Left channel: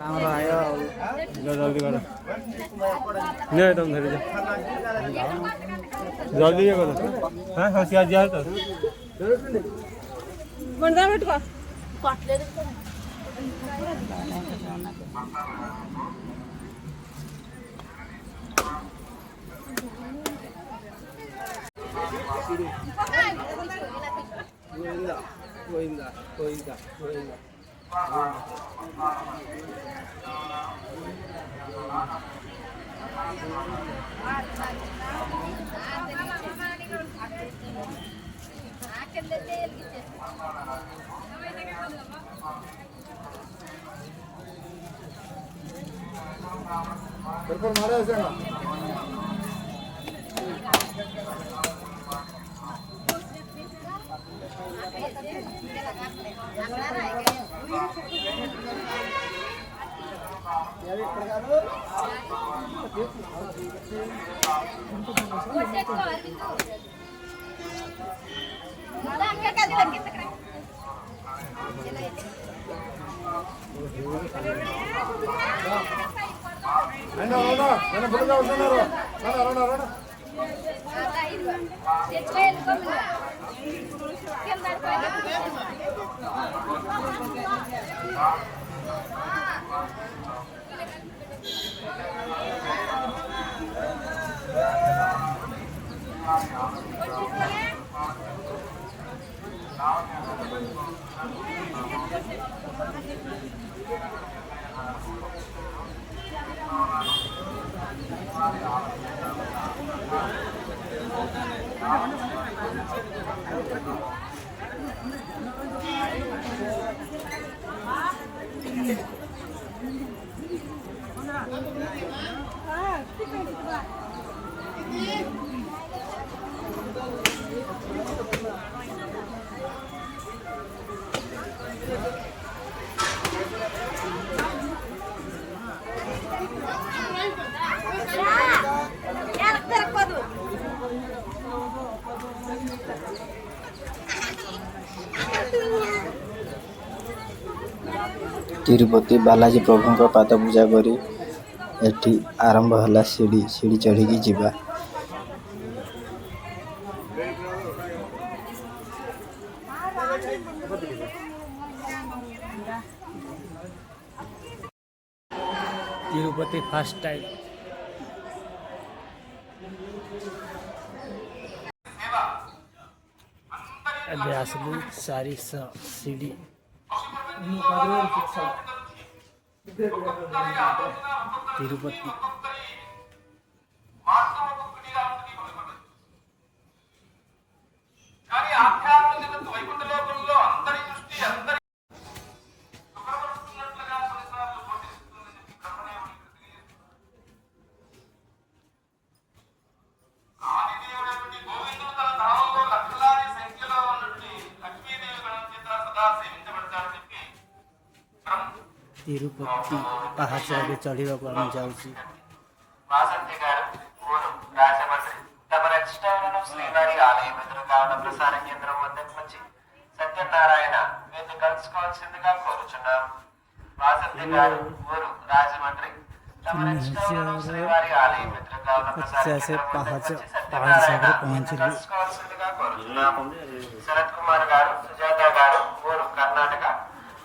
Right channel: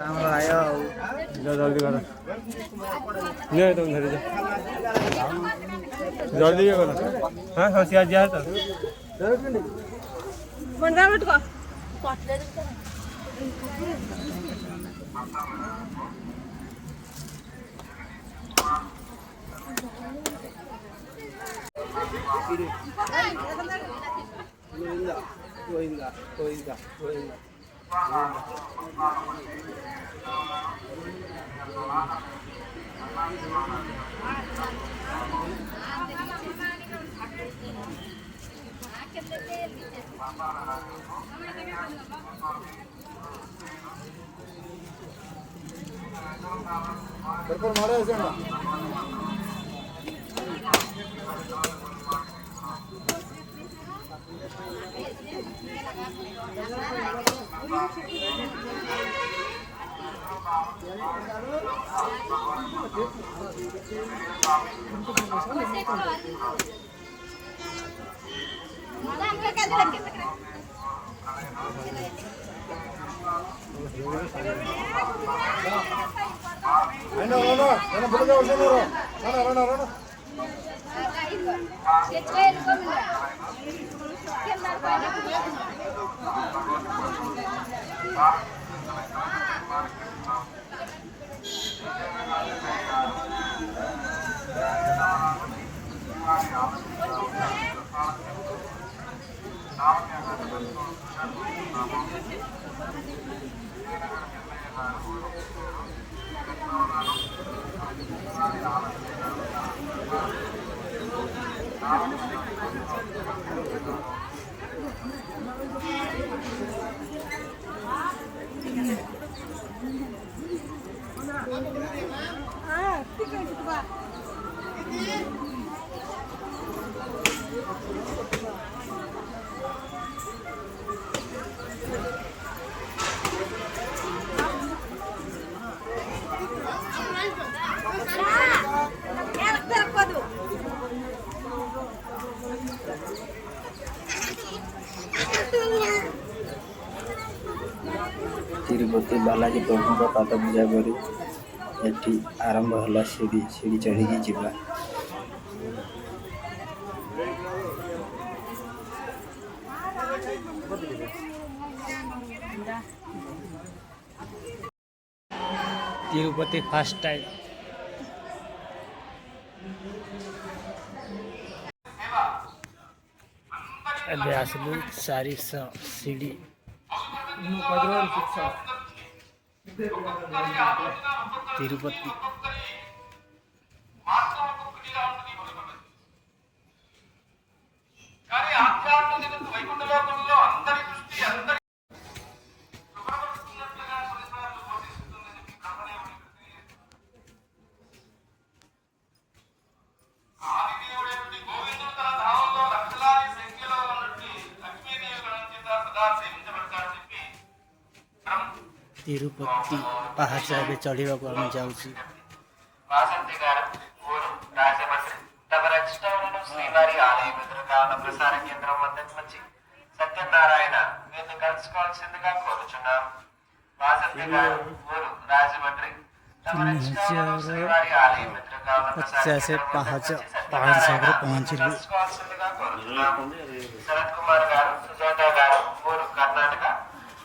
जल्दी करो नहीं तुम धरी जल्दी करो हाँ हाँ सिया जा तो बंदा मत को गोविंदा तिरुपति बालाजी प्रभु पाद पूजा करी एठी आरंभ हला सीढ़ी सीढ़ी चढ़ी जीवा तिरुपति फर्स्ट टाइम अभी आसलू सारी सीढ़ी तिरुपति तिरुपति पहाड़ से चढ़ा को आम जाऊँ సత్యనారాయణ వీరిని కలుసుకోవాల్సిందిగా కోరుచున్నాం. వాసంతి గారు ఊరు రాజమండ్రి తమ శ్రీవారి ఆలయం ఎదురుగా ఉన్న కలుసుకోవాల్సిందిగా కోరుచున్నాం. శరత్ కుమార్ గారు సుజాత గారు ఊరు కర్ణాటక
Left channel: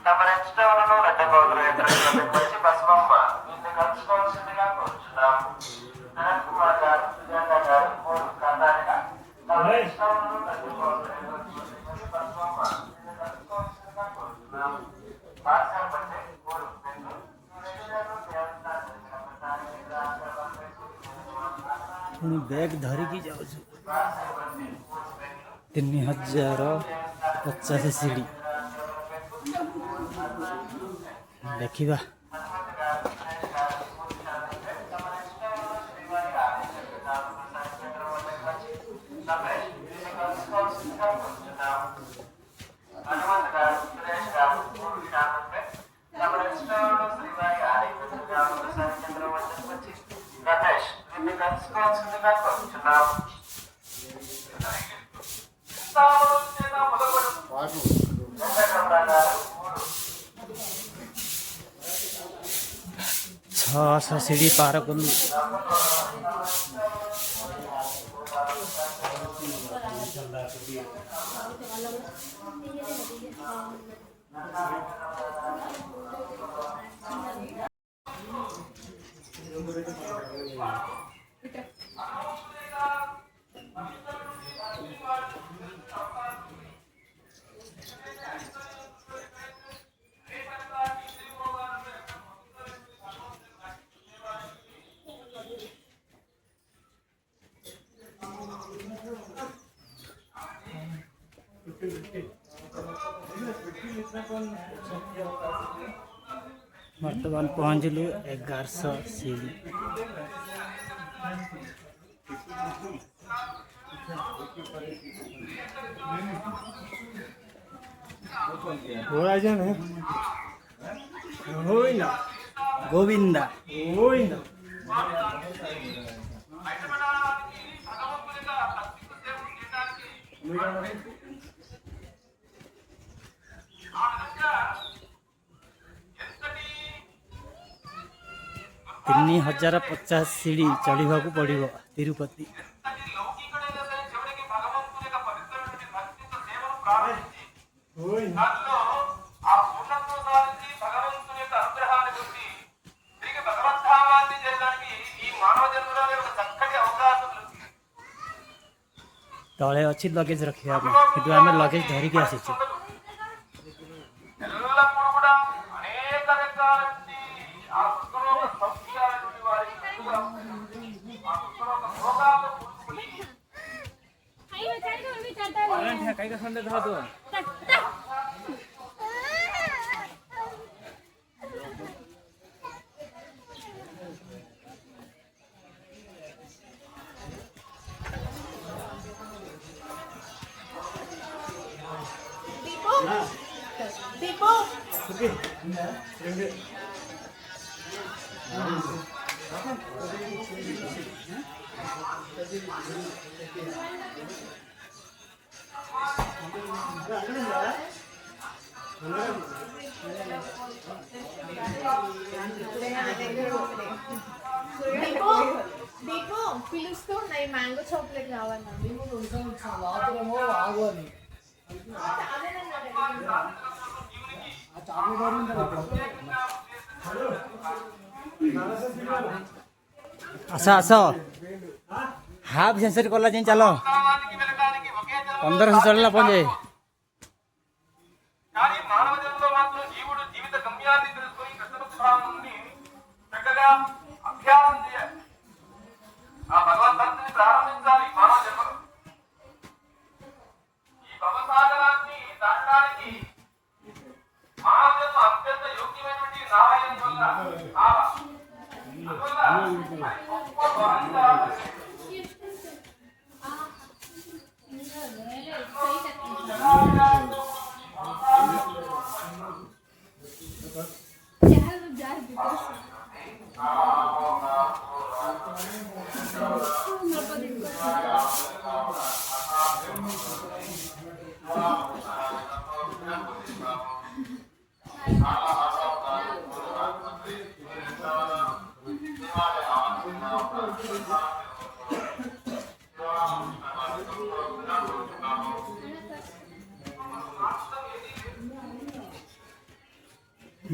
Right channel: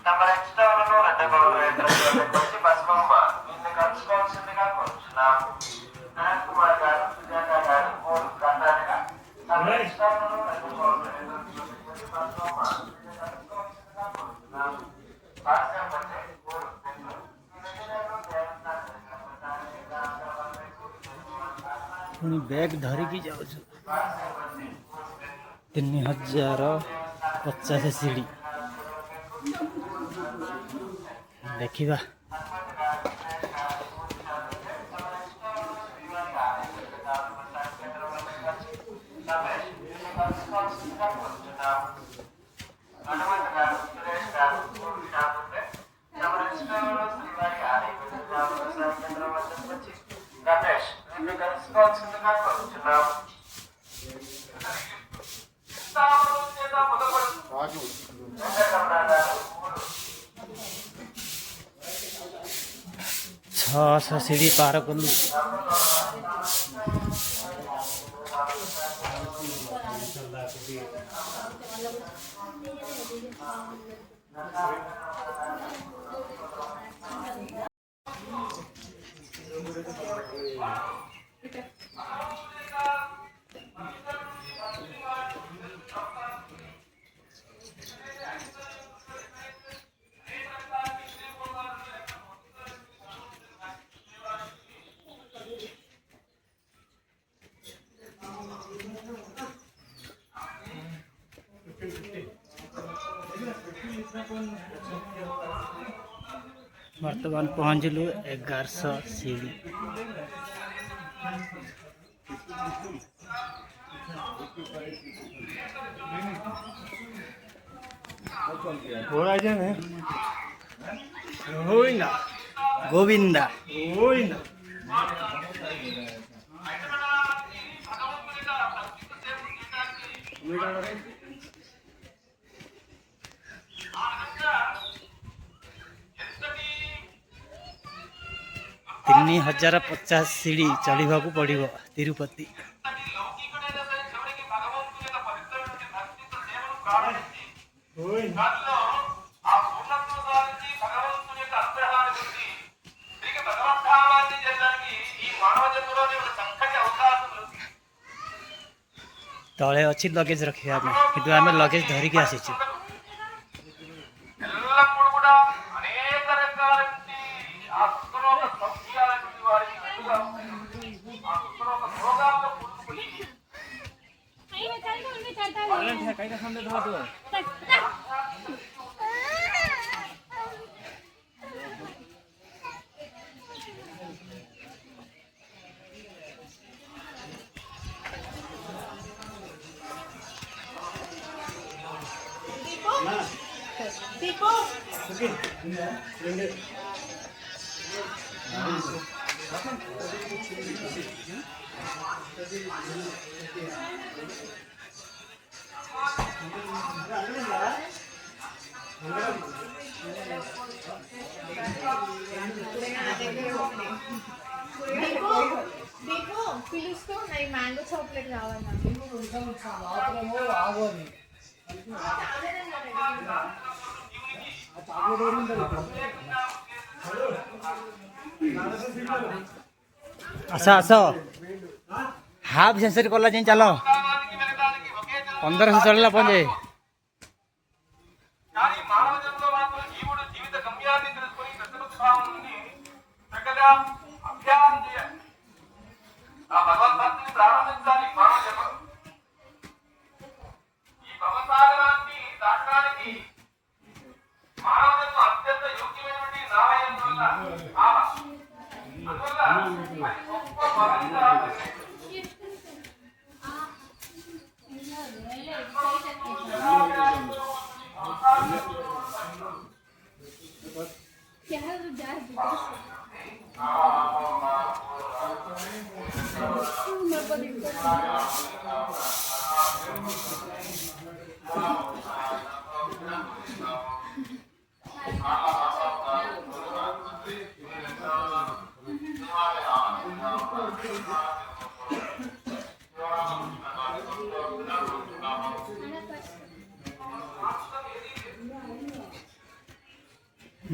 తమ రెస్టారెంట్ రెడ్డగౌడరు ఎదురుగా బస్మమ్మ వీరిని కలుసుకోవాల్సిందిగా కోరుచున్నాం. శరత్ కుమార్ గారు సుజాత గారు ఊరు కర్ణాటక తమ రెస్టారెంట్ రెడ్డగౌడరు पुणी बैग धरिकी जाऊँ 3050 सीढ़ी देखा ସିଡ଼ି ପାର କଲୁ। बर्तमान पहुँचलु 1100 सीढ़ी। गोविंदा 3050 सीढ़ी चढ़ा पड़ो तिरुपति। तले अच्छी लगेज रखा कि आम लगेज धरिकी आसीचु। పిలుస్తూ ఉన్నాయి మ్యాంగో చాక్లెట్ కావాలి आस आस हाफ सेंचुरी कला जाए चलो 1500 चढ़ला पंजे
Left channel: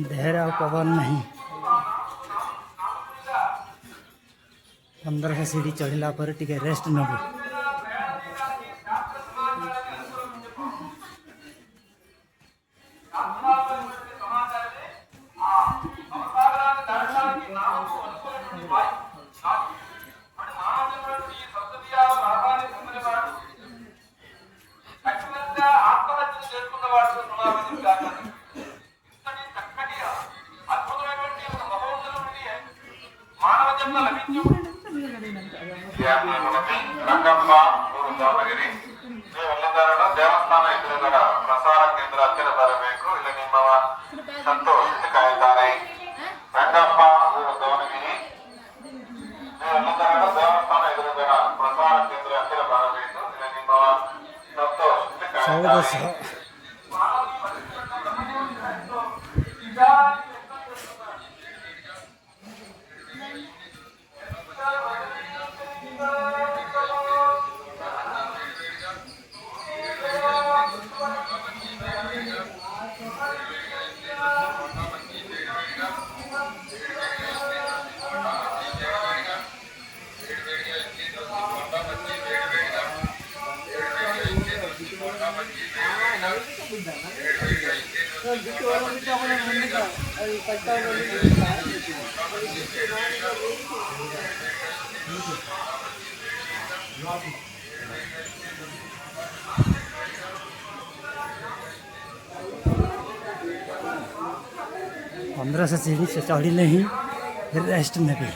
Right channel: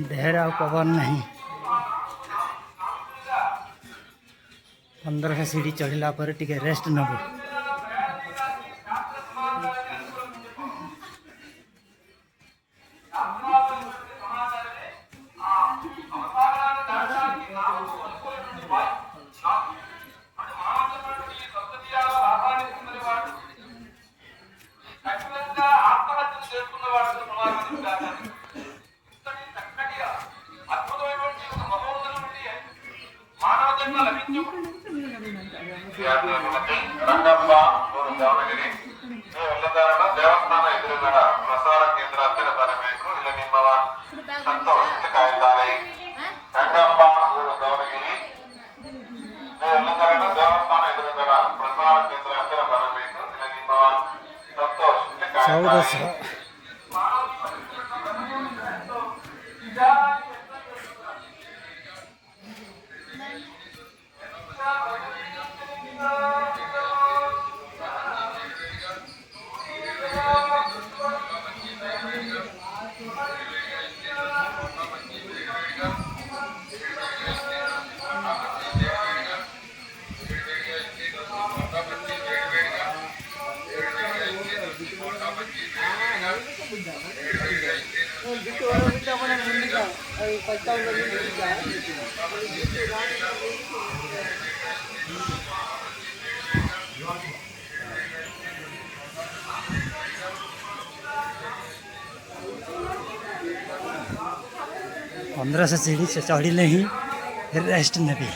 देहरा पवन नहीं 1500 सीढ़ी चढ़ला पर टिके रेस्ट नबू। ರಂಗಪ್ಪ ದಾವಣಗೆರೆ ದೇವಸ್ಥಾನ ಎದುರುಗಡೆ ಪ್ರಸಾರ ಕೇಂದ್ರ ಹತ್ತಿರ ಬರಬೇಕು. ಇಲ್ಲ ನಿಮ್ಮವ ಸಂತೋಷ್ ಕಾಯುತ್ತಾರೆ. ರಂಗಪ್ಪ ದಾವಣಗೆರೆ ದೇವಸ್ಥಾನ ಎದುರುಗಡೆ ಪ್ರಸಾರ ಕೇಂದ್ರ ಹತ್ತಿರ ಬರಬೇಕು. ಇಲ್ಲ ನಿಮ್ಮವ ಸಂತೋಷ್ ಕಾಯುತ್ತಾರೆ. पंद्रह सौ सीढ़ी से चढ़ी ही रेस्ट नेबी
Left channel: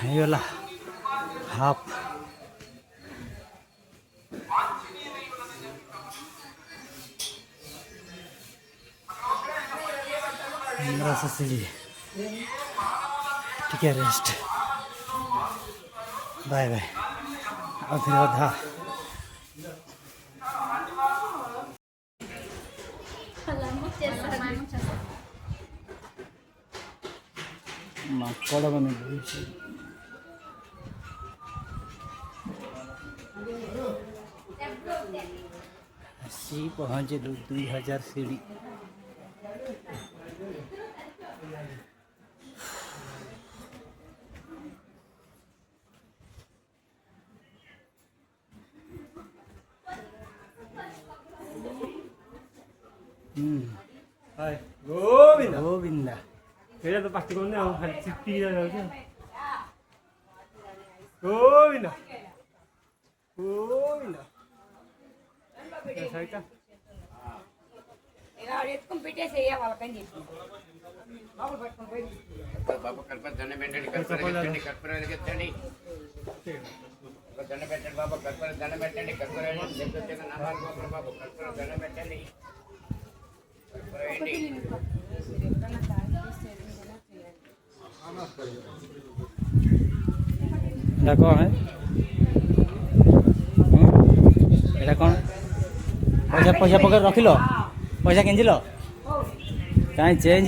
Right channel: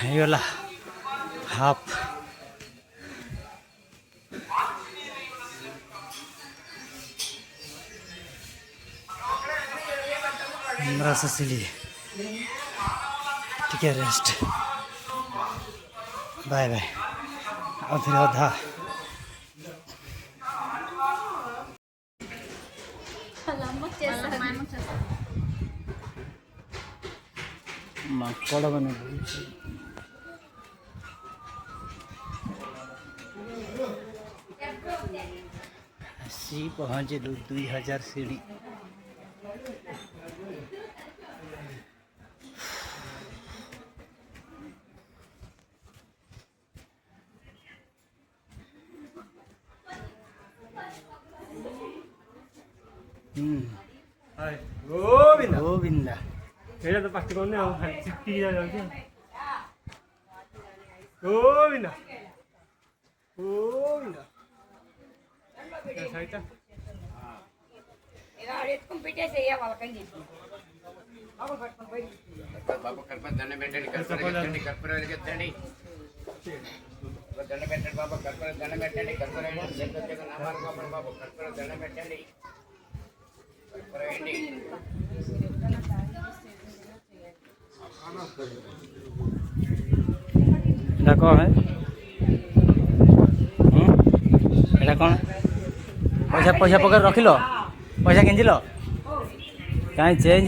ହେଇଗଲା ହାଫ୍ पंद्रह सौ सीढ़ी ଟିକେ ରେଷ୍ଟ बाय बाय ଆଉ ଥରେ ଅଧା ମାଙ୍କଡ଼ ମାନେ ଆସି ପହଞ୍ଚିଲୁ 2000 सीढ़ी गोविंदा गोविंदा ଏଇଟା ତ ପାଟି କରୁନି ଆଉ ଖାଲି ଚିପିକି ଯାଉଛି ଗୋବିନ୍ଦା ଗୋବିନ୍ଦା ସାଇଟା బాబు కల్పన దండ పెట్టండి కర్పూరం వెలిగించండి దండ పెట్టండి బాబు కర్పూరం దండ పెట్టండి కర్పూరం బాబు కర్పూరం దండ పెట్టండి এটা কଣ है এটা କଣ पैसा पैसा पकड़ रखिल पैसा किंचिल कहीं चेंज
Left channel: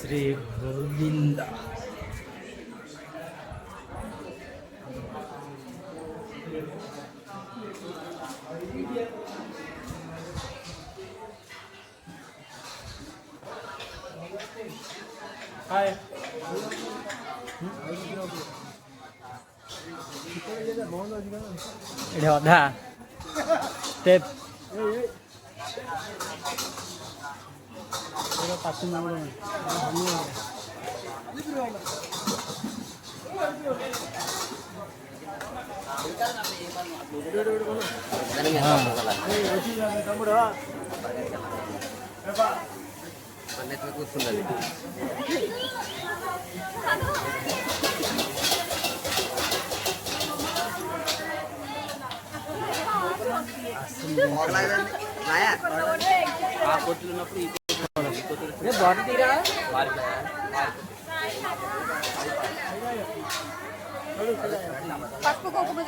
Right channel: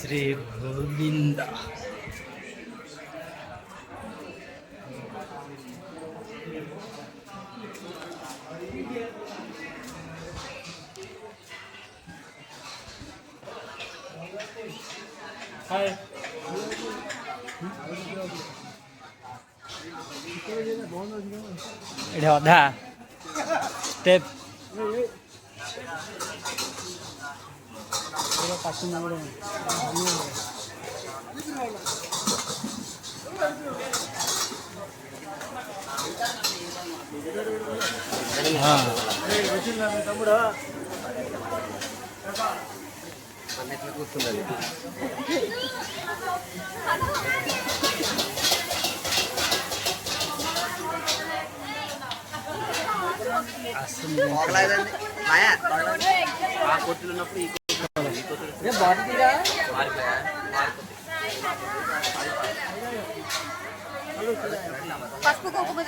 श्री गोविंद हाय एटा अधा स्टेप కూర్చున్నది పసుపు కుంకుమ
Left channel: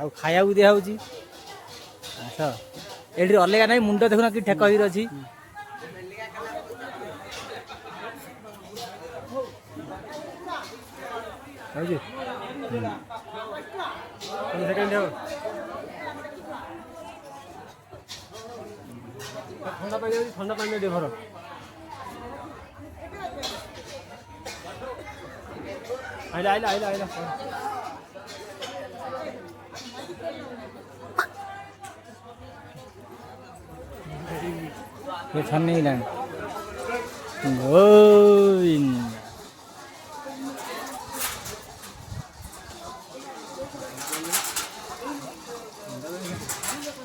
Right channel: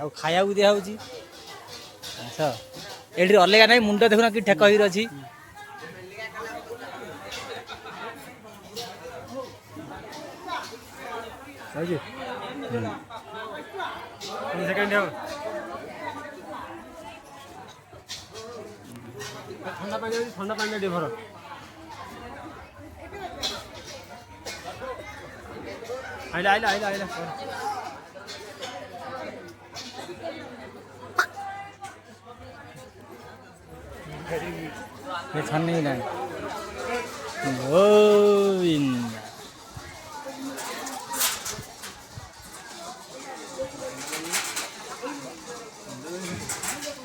ଆଉ ଖାଇବାକୁ ଦିଆହେଉଛି ଆସ ଏଠି ଅଲଗା ନାହିଁ ମୁଣ୍ଡ ଦେଖୁନ କି ଠେକ ହେଇକି ଅଛି सेकंड ठंडा पानी दे भर आइला आइला आइला आइला ये छन्नी नहीं गोविंद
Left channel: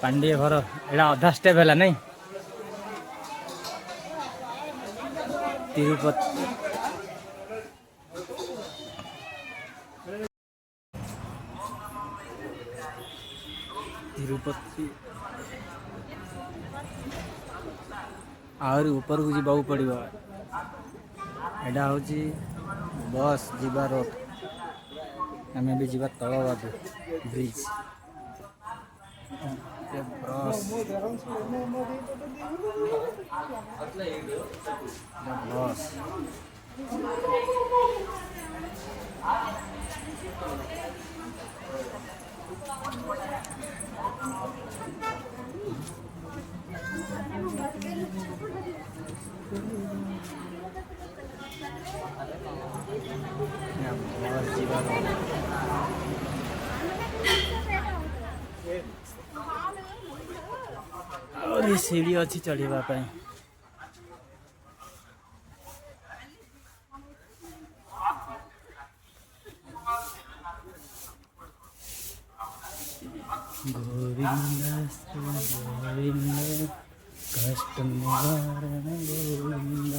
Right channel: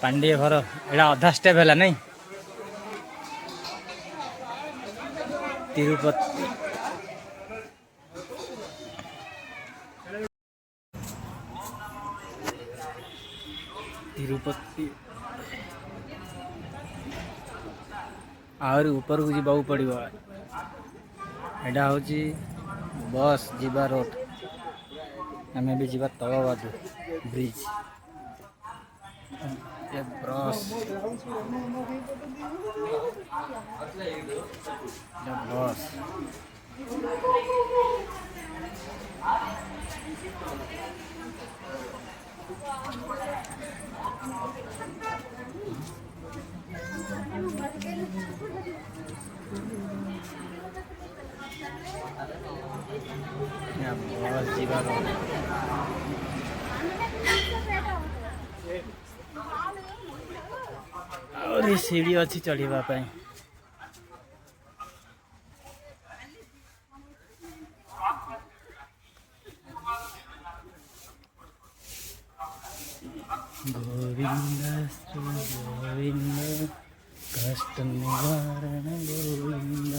पांडिया घर एटा अधा स्टेप है नहीं तिरुपति तिरुपति आहरी ऊपर को जीवा पड़ो एटा हूँ बस जीवा रोड आम भी जा तलवाद ब्रिज ब्रश बस बस जीवार और ये सीढ़ी अच्छी चढ़ा गोविंद श्री गोविंद कष्ट निवारण गोविंद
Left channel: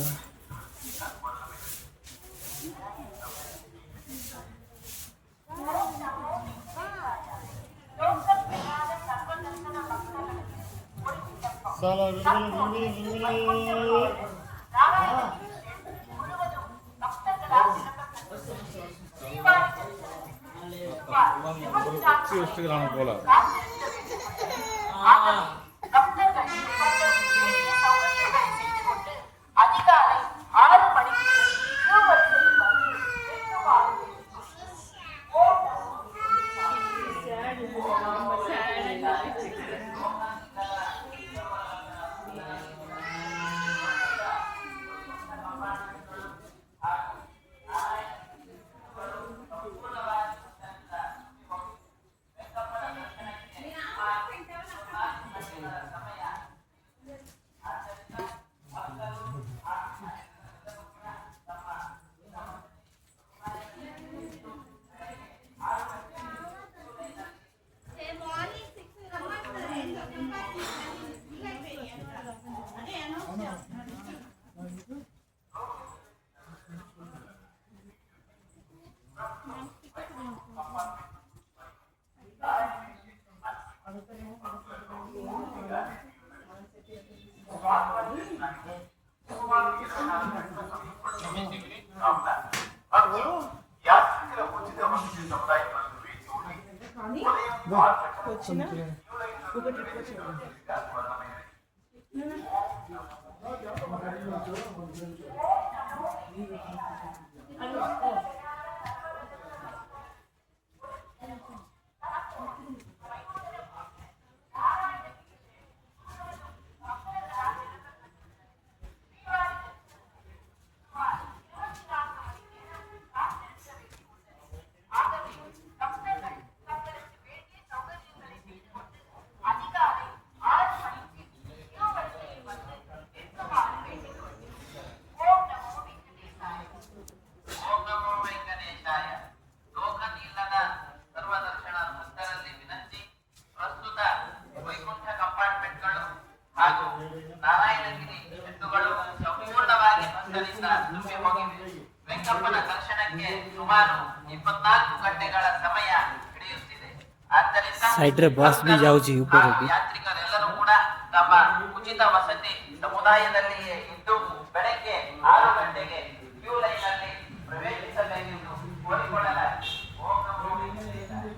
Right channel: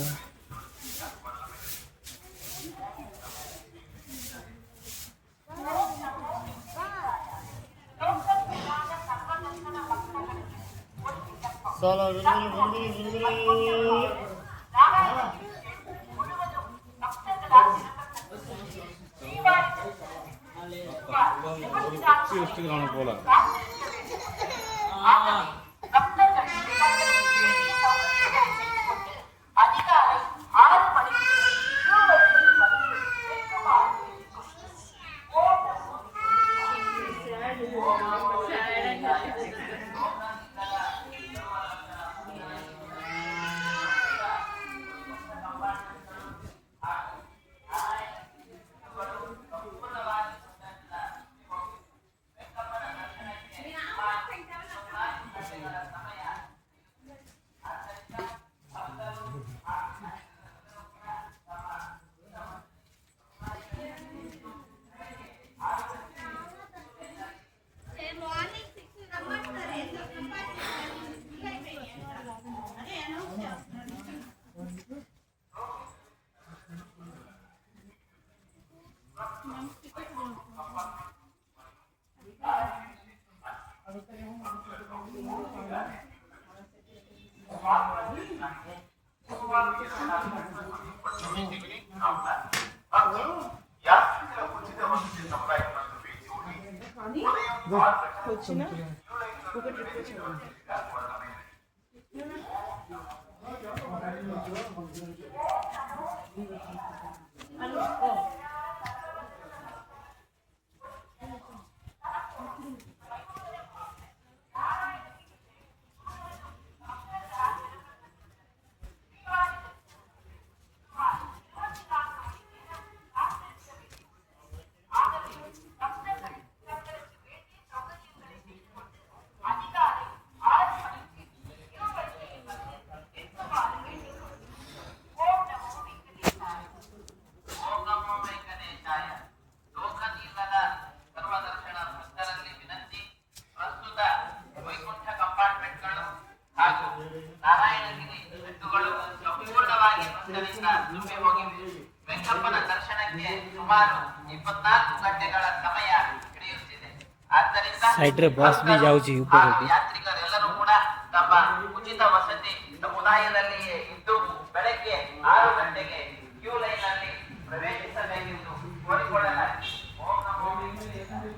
ವೆಂಕಪ್ಪನ ದರ್ಶನಕ್ಕೆ ಸುಮಾರು 24 ಗಂಟೆಗಳ ಸಮಯ ಹಿಡಿಯುತ್ತಿದೆ. ಆದ್ದರಿಂದ साइड रे बस भी जाउची ऊपर होगी ಯಾತ್ರಿಕರೆಲ್ಲರೂ ಕೂಡ ತಮ್ಮ ಉಚಿತ ವಸತಿ ಸಮುದಾಯದಲ್ಲಿಯೇ ಇದ್ದು ಬೆಳಗ್ಗೆ 6 ಗಂಟೆಗೆ ಕ್ಯೂ ಲೈನ್ ಅಲ್ಲಿ ಪ್ರವೇಶಿಸಬೇಕೆಂದು ಕೋರಿಕೊಳ್ಳಲಾಗಿದೆ. ಓಂ ನಮೋ ವೆಂಕಟೇಶಾಯ.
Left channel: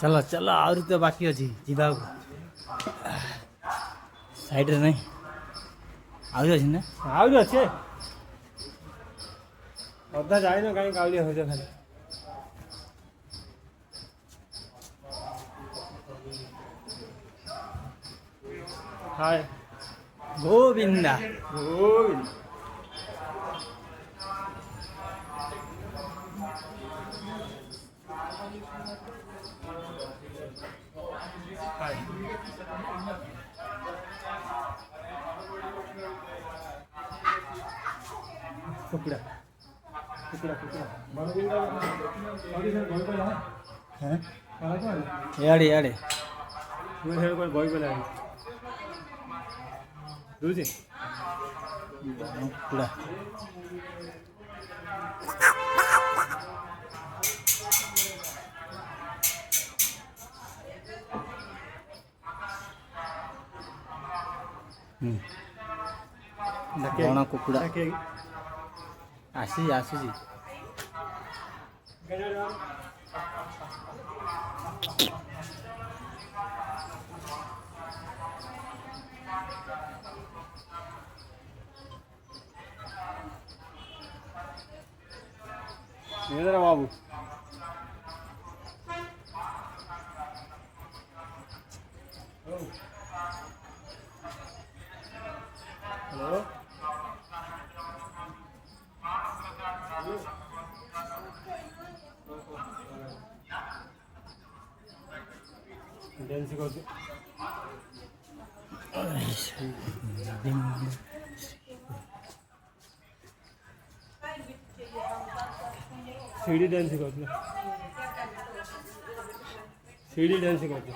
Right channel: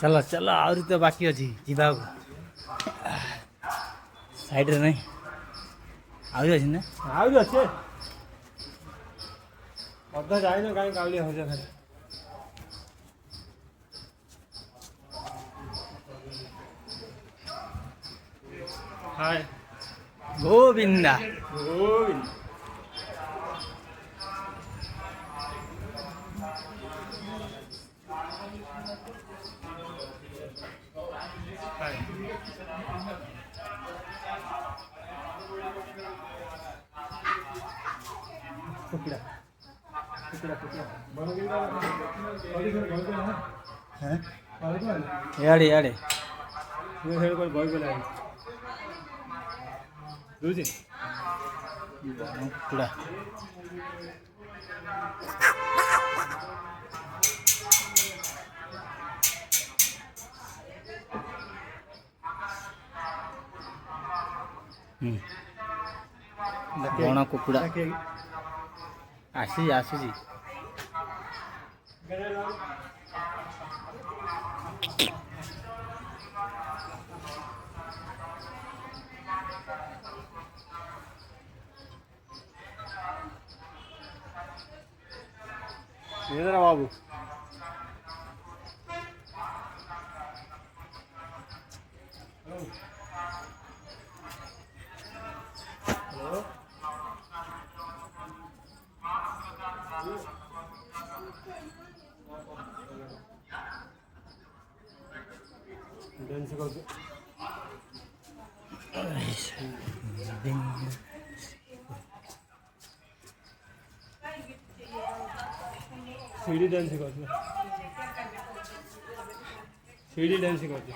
चलो चलो आहरी तो बाकी अच्छी जीवा साइड रे नहीं आहरी अच्छी ना ଆହୁରି ଅଛି ଅଧା ଯାଇନ କାହିଁ କାଉଳିଆ ହଉଛ ଖାଲି ହାଏ गोविंदा ଗୋବିନ୍ଦ ହାଏ କୁକୁଡ଼ା କୁକୁଡ଼ା କୁକୁଡ଼ା हैं याडे याडे ମୁଁ ହେଲେ કોઈ ବହି ବୋଲା ଦଉଛି कुड़ा ବଣ କୁକୁଡ଼ା ଆସୁଛି ఏదరా బాబు హలో డ్యాన్స్ కొద్ది सीढ़ी डांस सिखाते सीढ़ी डांस सिखाते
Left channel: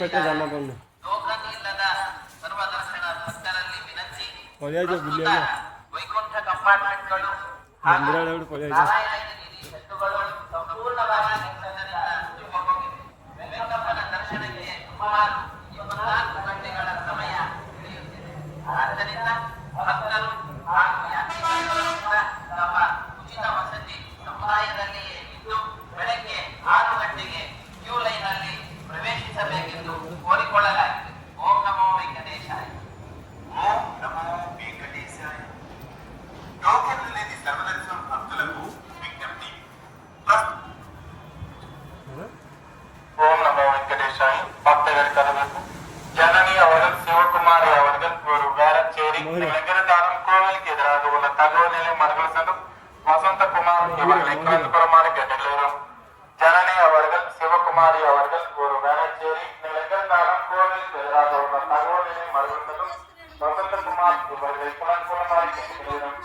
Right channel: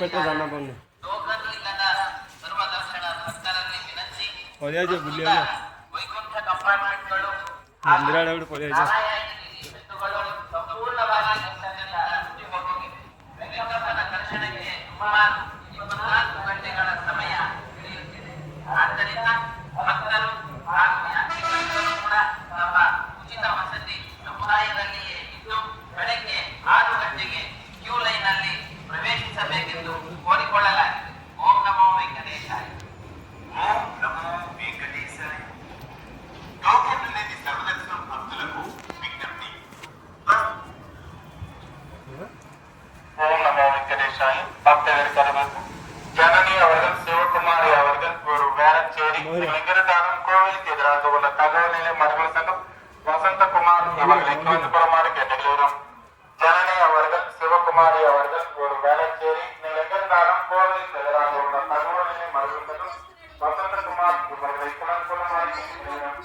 पेट्रोल जाना पड़ना पड़े बुले मंदिर पड़े ಉಚಿತ ವಸತಿ ಸಮುದಾಯದಲ್ಲಿಯೇ ಇದ್ದು ಬೆಳಗ್ಗೆ 6 ಗಂಟೆಗೆ ಕ್ಯೂ ಲೈನ್ನಲ್ಲಿ ಪ್ರವೇಶಿಸಬೇಕೆಂದು ಕೋರಿಕೊಳ್ಳಲಾಗಿದೆ. ಓಂ ನಮೋ ವೆಂಕಟೇಶಾಯ. ಓಂ ನಮೋ ವೆಂಕಟೇಶಾಯ. టోకెన్ లేని సర్వదర్శనం భక్తులకు విజ్ఞప్తి. ஓம் நமோ வெங்கடேஷாய. பக்தர்கள் கருணத்து ஜனனி அவர்கள் சிவகுமாரி அவர்கள் ஒரு வேளச்சேரி லிங்கரதாரம் கோவிலுக்கு எதிராக உள்ள தகவலிலே மர்கள் சங்கம் வசந்தகுமார் இவர்களை கலந்து பெறுமாறு கேட்டுள்ளோம். ஜனனி அவர்கள் சிவகுமாரி அவர்கள் ஒரு வேளச்சேரி லிங்கரதாரம் கோவிலுக்கு எதிராக உள்ள தகவலிலே மர்கள் சங்கம் வசந்தகுமார் இவர்களை கலந்து பெறுமாறு கேட்டுள்ளோம்.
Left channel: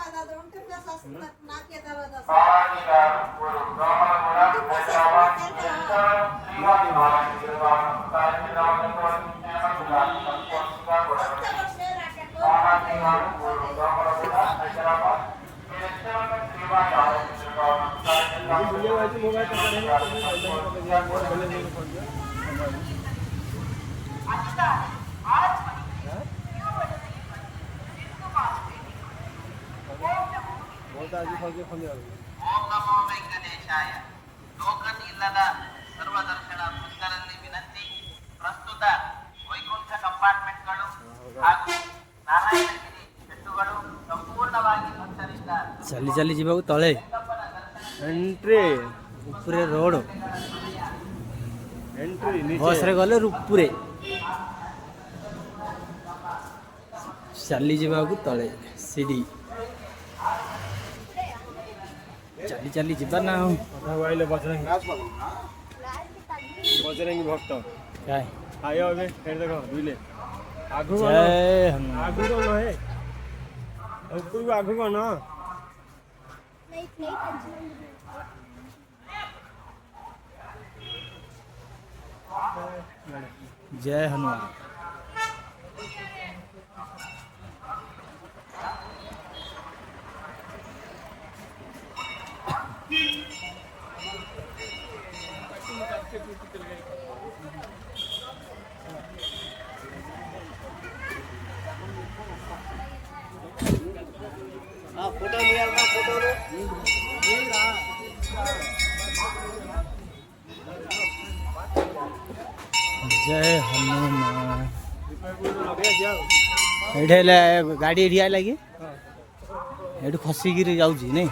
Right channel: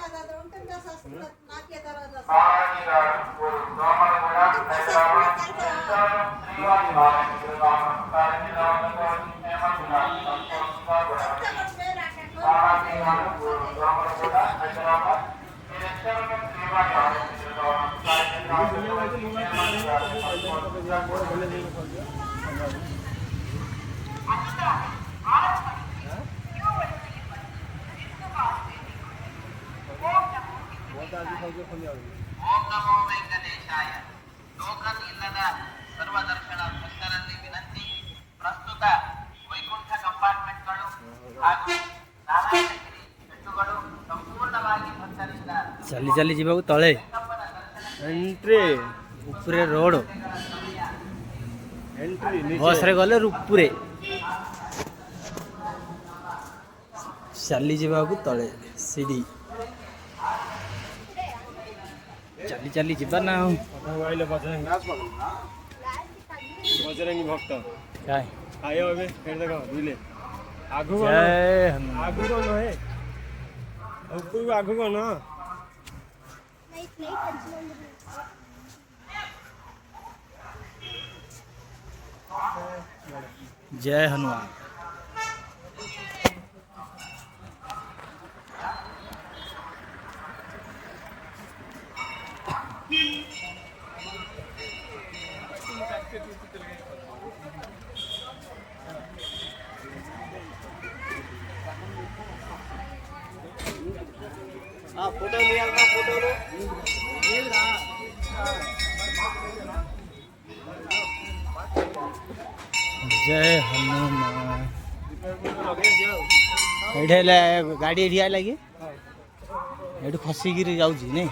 ஆராய்ச்சியாளர் ஒரு பிராமணகுலா ஹைதராபாத் ஸ்ரீவாஸ் நாராயண திருவாமன் தாரகிராமன் ஆராய்ச்சியாளர் ஒரு பிராமணகுலா ஹைதராபாத் ஸ்ரீவாஸ் நாராயண ಓಂ ನಮೋ ವೆಂಕಟೇಶಾಯ. ಟೋಕನ್ ಇಲ್ಲದ ಸರ್ವದರ್ಶನ ಭಕ್ತರಲ್ಲಿ ವಿನಂತಿ. ಪ್ರಸ್ತುತ ವೈಕುಂಠ ಕಂಪಾರ್ಟ್ಮೆಂಟ್ಗಳು ಹಾಗೂ ನಾರಾಯಣಗಿರಿ ಬೆಟ್ಟುಗಳು ಸಂಪೂರ್ಣವಾಗಿ ಭಕ್ತರಿಂದ ଚାଲି ଚାଲି ଯିବାକୁ ତଳେ एंट्री ଉପରେ ରୋଡ଼ एंट्री ବସ୍ରେ ଗଲେ ଉପରେ ଚାଲି ଯିବାକୁ ତଳେ ସିଡ଼ି ଚାଲି ଚାଲି ଯିବା ନା ଆଉ बजरंगी भक्त କାଇଁ आयो अबे फिर देखो बुझले आगु ଜୟ ହନୁମାନ आगु कौन है ऊपर आगु कौन जय हनुमान फोटो लिया अपना फोटो लो जय हनुमान ଏଇଠି ହେଲେ ଗାଡ଼ି ଏଠି ଲାଗି ଏଇଠି ଖସିକିରି ଯାଉଛି ନାଇଁ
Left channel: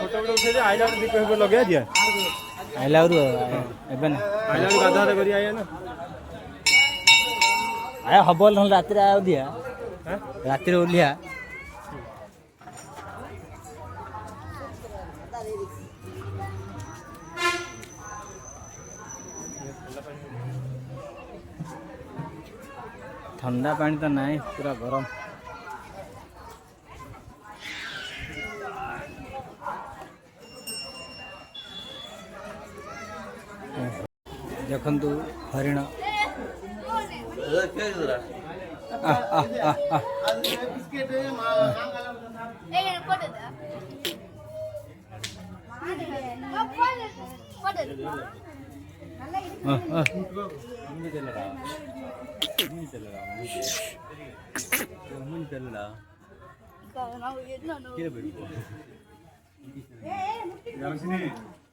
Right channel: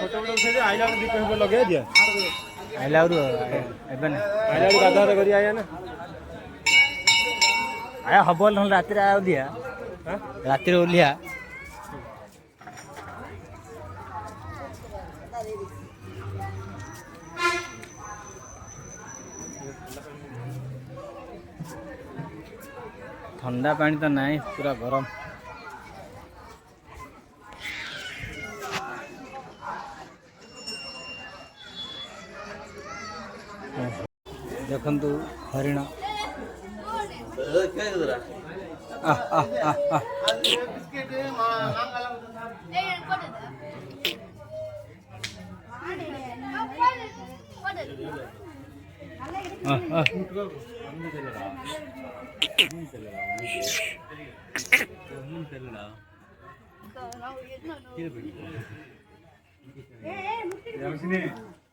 फोटो उठे आइला दीप लगे दिया ଆଇଲା ଆହୁରି ଏବେ ନା आइला गाधा कर आया ना ଆୟ ହବ ନହେଲେ ରାତିରେ ଆଉ ଦିଆ ହାଁ ରାତିରେ ଓହ୍ଲିଆ ଥଣ୍ଡା ପାଣି ତ ନାହିଁ ପୁରା ଗରମ। ଦେଖନ୍ତୁ ହରିଣ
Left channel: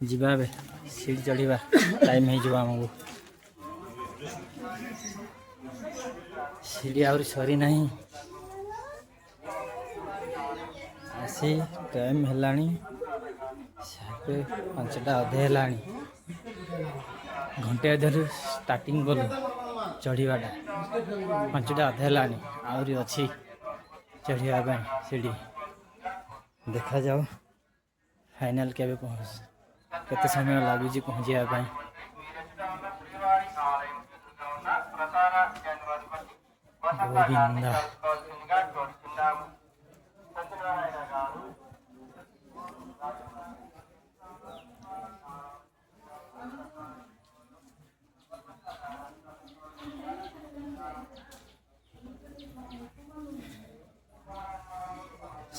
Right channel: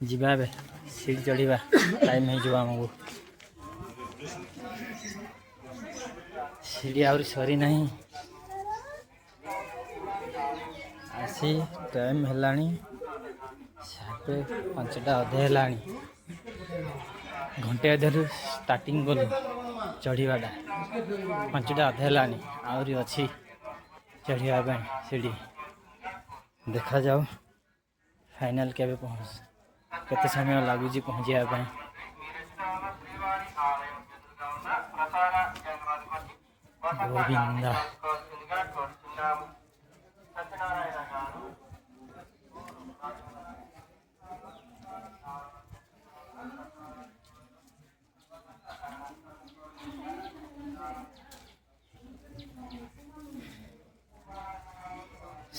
ଯିବା ଏବେ ସିଡ଼ି ଚଢ଼ିବା ଟାଇମ୍ ହେଇଯିବ ଆମକୁ। ସିଡ଼ି ଆହୁରି ସରି ନାହିଁ ଆସି ଟାଇମ୍ ହେଲାଣି 5:30 ଅଧେ ହେଲାଣି। ଘଣ୍ଟେ ଅଧେରୁ ଷ୍ଟାର୍ଟିଂ କଲୁ ଚଢ଼ିବାଟା 5ଟା ଅଧେ ହେଲାଣି ଆହୁରି ଅଛି ଚଢ଼ିବା ପାଇଁ ସିଡ଼ି। ଦେଖାଯାଉ ଫାଇନାଲ୍ କେବେ କେତେ ସମୟ ଲାଗୁଛି ପହଞ୍ଚିବା ପାଇଁ। గోవిందా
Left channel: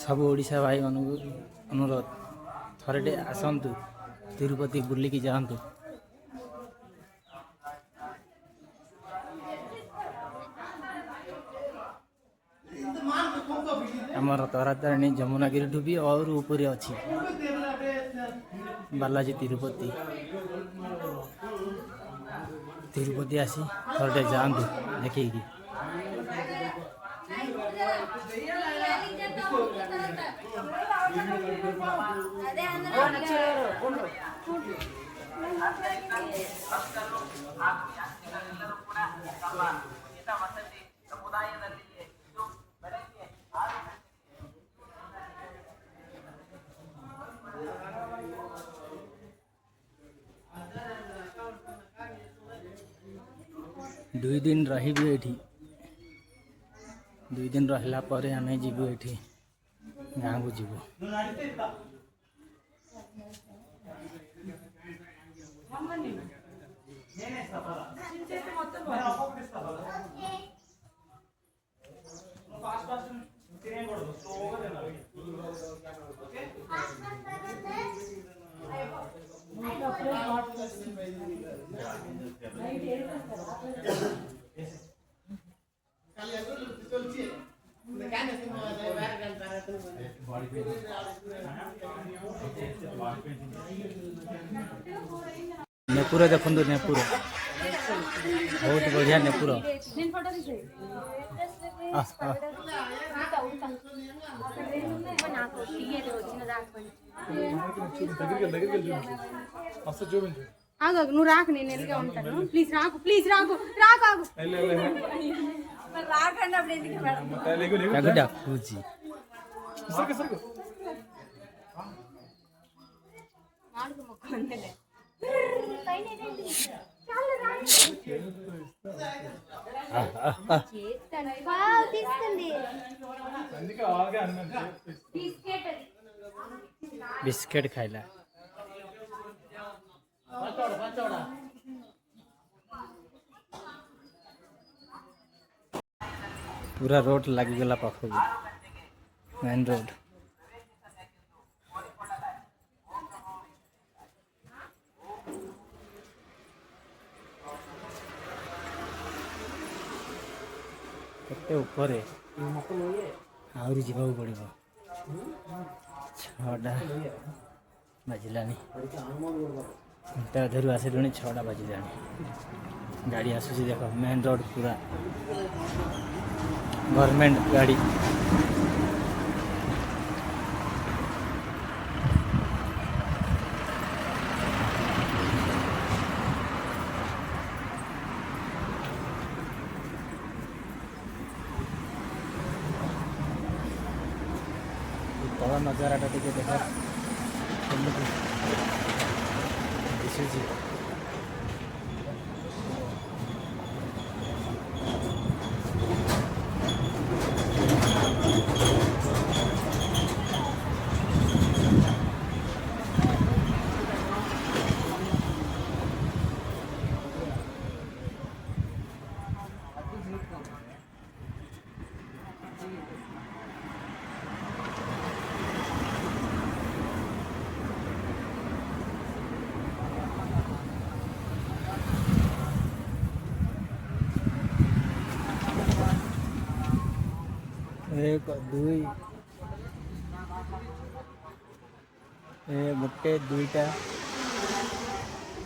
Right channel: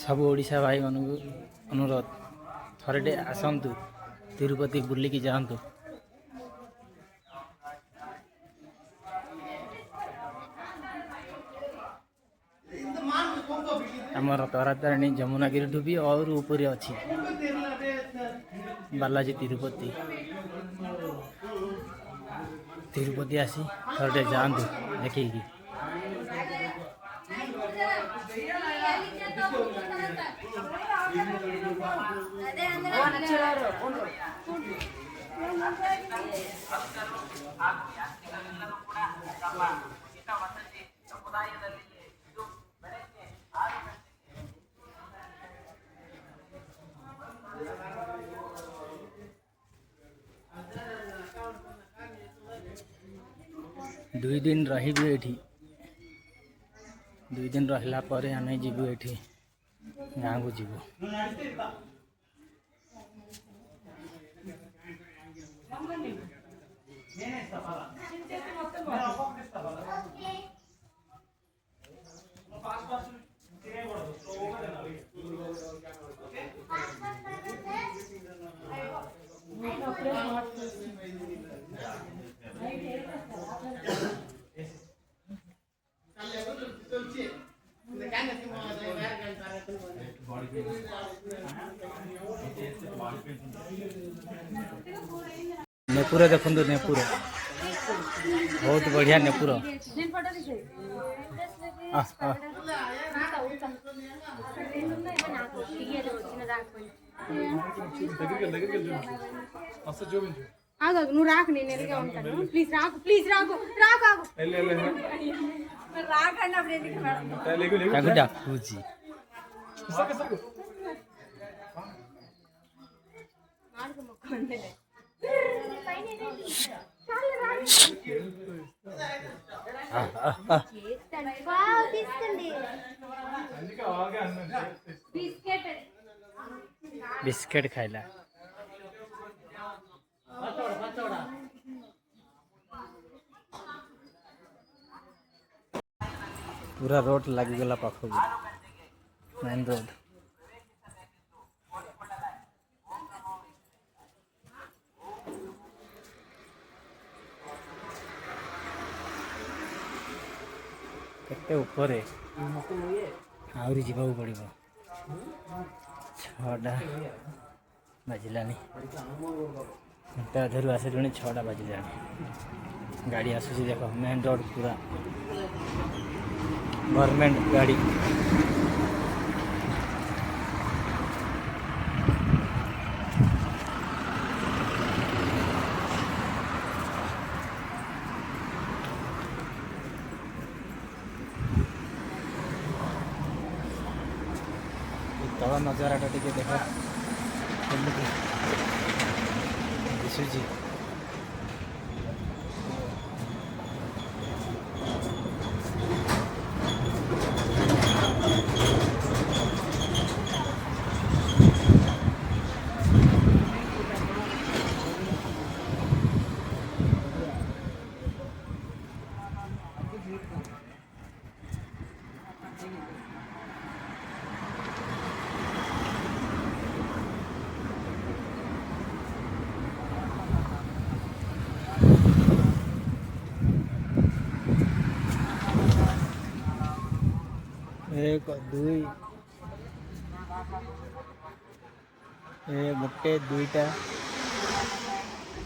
ସବୁ ଓଡ଼ିଶା ଭାଇମାନଙ୍କୁ ଅନୁରୋଧ ଥରଟେ ଆସନ୍ତୁ ତିରୁପତି ବୁଲିକି ଯାଆନ୍ତୁ। ଆମର ତାରାତାରିଣୀ ଯମୁନାଗିରିଠୁ ବି ଆହୁରି ଉପରେ ଅଛି ବାଲାଜୀ ତିରୁପତି। ତିରୁପତି ଆସି ଥରଟେ ଯାଆନ୍ତୁ ଦେଖିକି। ଦୁଇ ଦିନ ରହିବୁ ଏଠି। 2 ଦିନ ରହିଲା ପରେ ଆମେ ଯିବୁ ଏଠି ଗାଁକୁ ଯିବୁ। ନେପୁର ଦେଖନ୍ତୁ, ନେପୁର ବହୁତ ବଢ଼ିଆ ନେପୁର। ఆగు నువ్వు రాకు, నేను ఎదిగా ఉంటాను. ప్లీజ్ రాకు, ప్లీజ్ రాకు, రాకు ఆగు. రాకండి అప్పుడు ఎందుకు ତାକୁ ଡାକୁଛି। ఆడుకు మొక్క అంతేలే. తీసుకోండి ବିସ୍କେଟ୍ ଖାଇଲା। पूरा रोड लगिगला पाखु मेन रोड। केते ऊपर आहरी जीवा पड़ो 6टा बाजिलानी। अधरू आसे 6टा बाजिलानी। गाड़ी आसूसी देख मेन रोड पूरा गवर्नमेंट गाड़ी। ନଜାରାଟା ଟିକେ ଦେଖ କେମିତି ଦିଶୁଛି। एक दुई गोटे दुईटा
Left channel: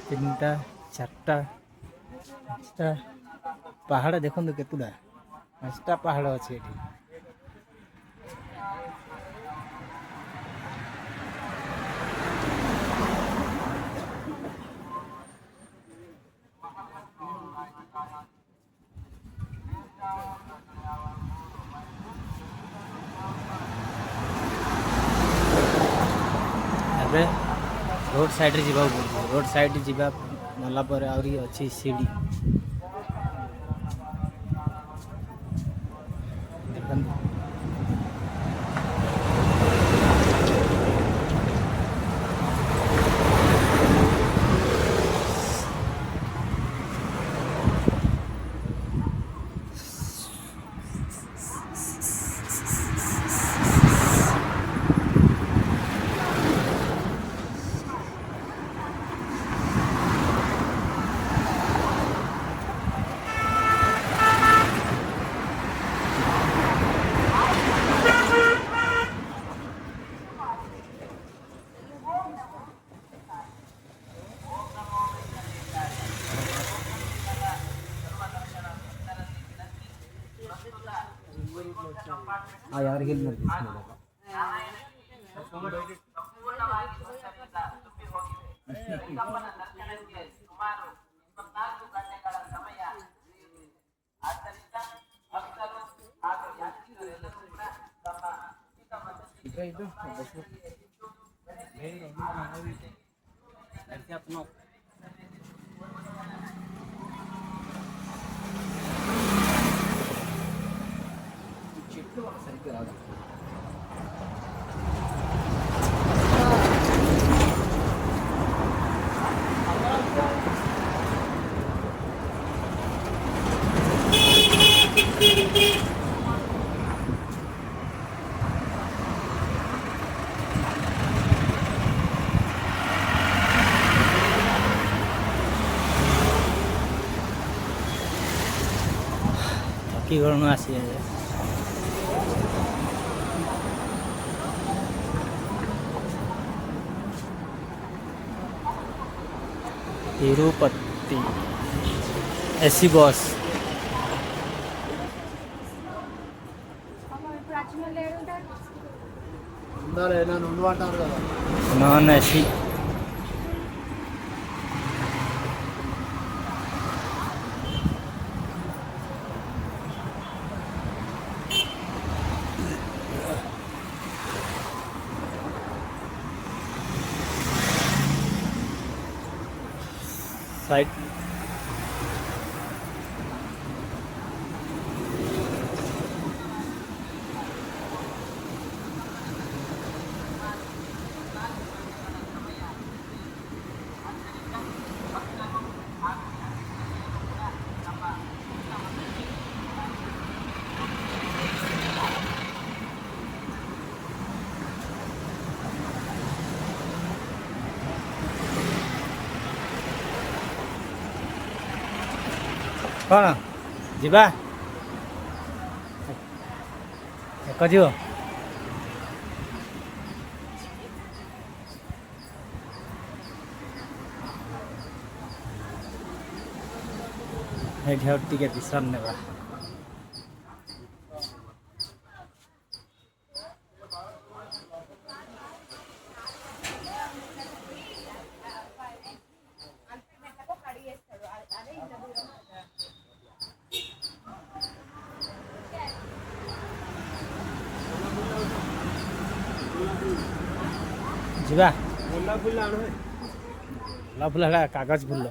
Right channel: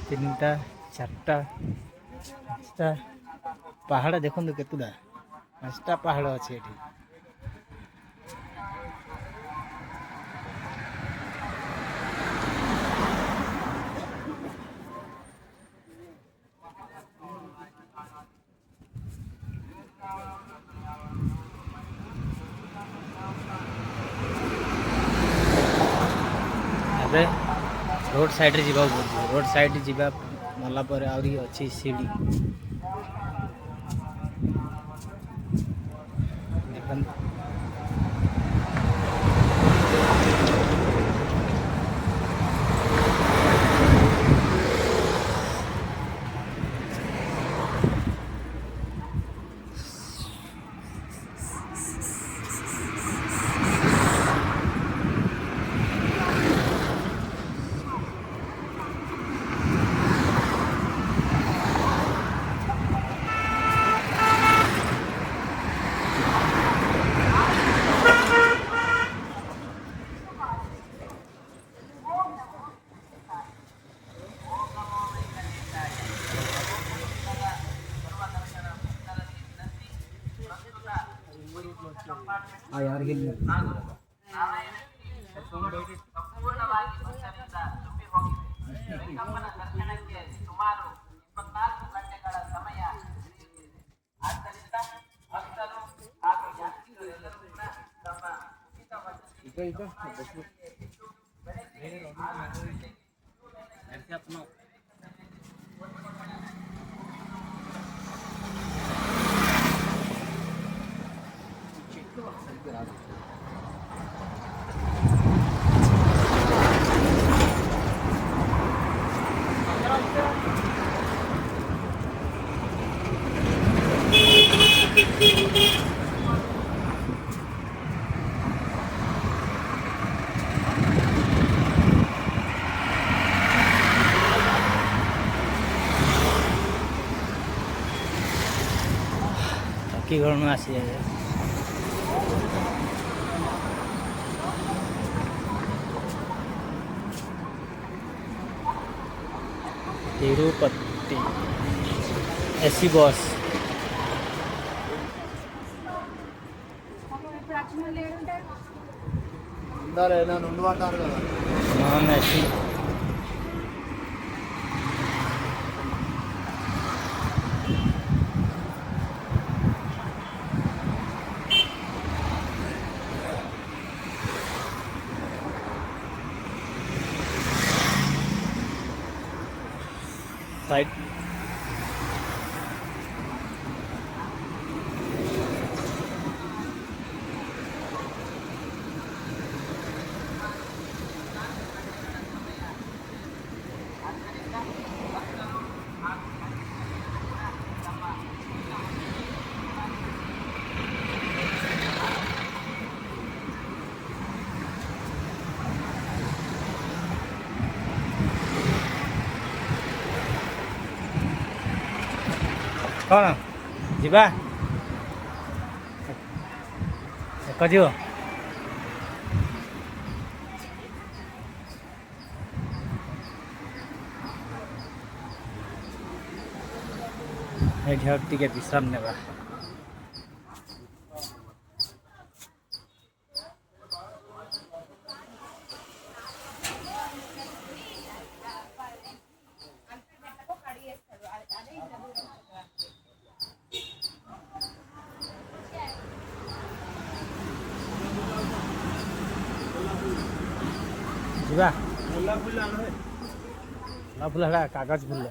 तीनटा चारटा पाँचटा पहाड़ देखो केतुटा 5टा पहाड़ अच्छे ये। अबे रोड साइड रे जीवा पड़े रोड साइड जीवा गला पर आउरी अच्छी सीढ़ी देखन यार हिल ಸುಮಾರು 24 ಗಂಟೆಗಳ ಸಮಯ ಆದ್ದರಿಂದ ಭಕ್ತರು ಹಾಗೂ ಯಾತ್ರಿಕರೆಲ್ಲರೂ ಕೂಡ ತಮ್ಮ चकीगढ़ में आसी है Tirupati AC bus non AC side कौन जीवा कजियो टिके विश्राम नेबा ଗୋଲାପ ଫୁଲ ଆଣ ଭାଇ। ଗୋଲାପ ଫୁଲ ହେଲା କାଗଜ ଫୁଲ।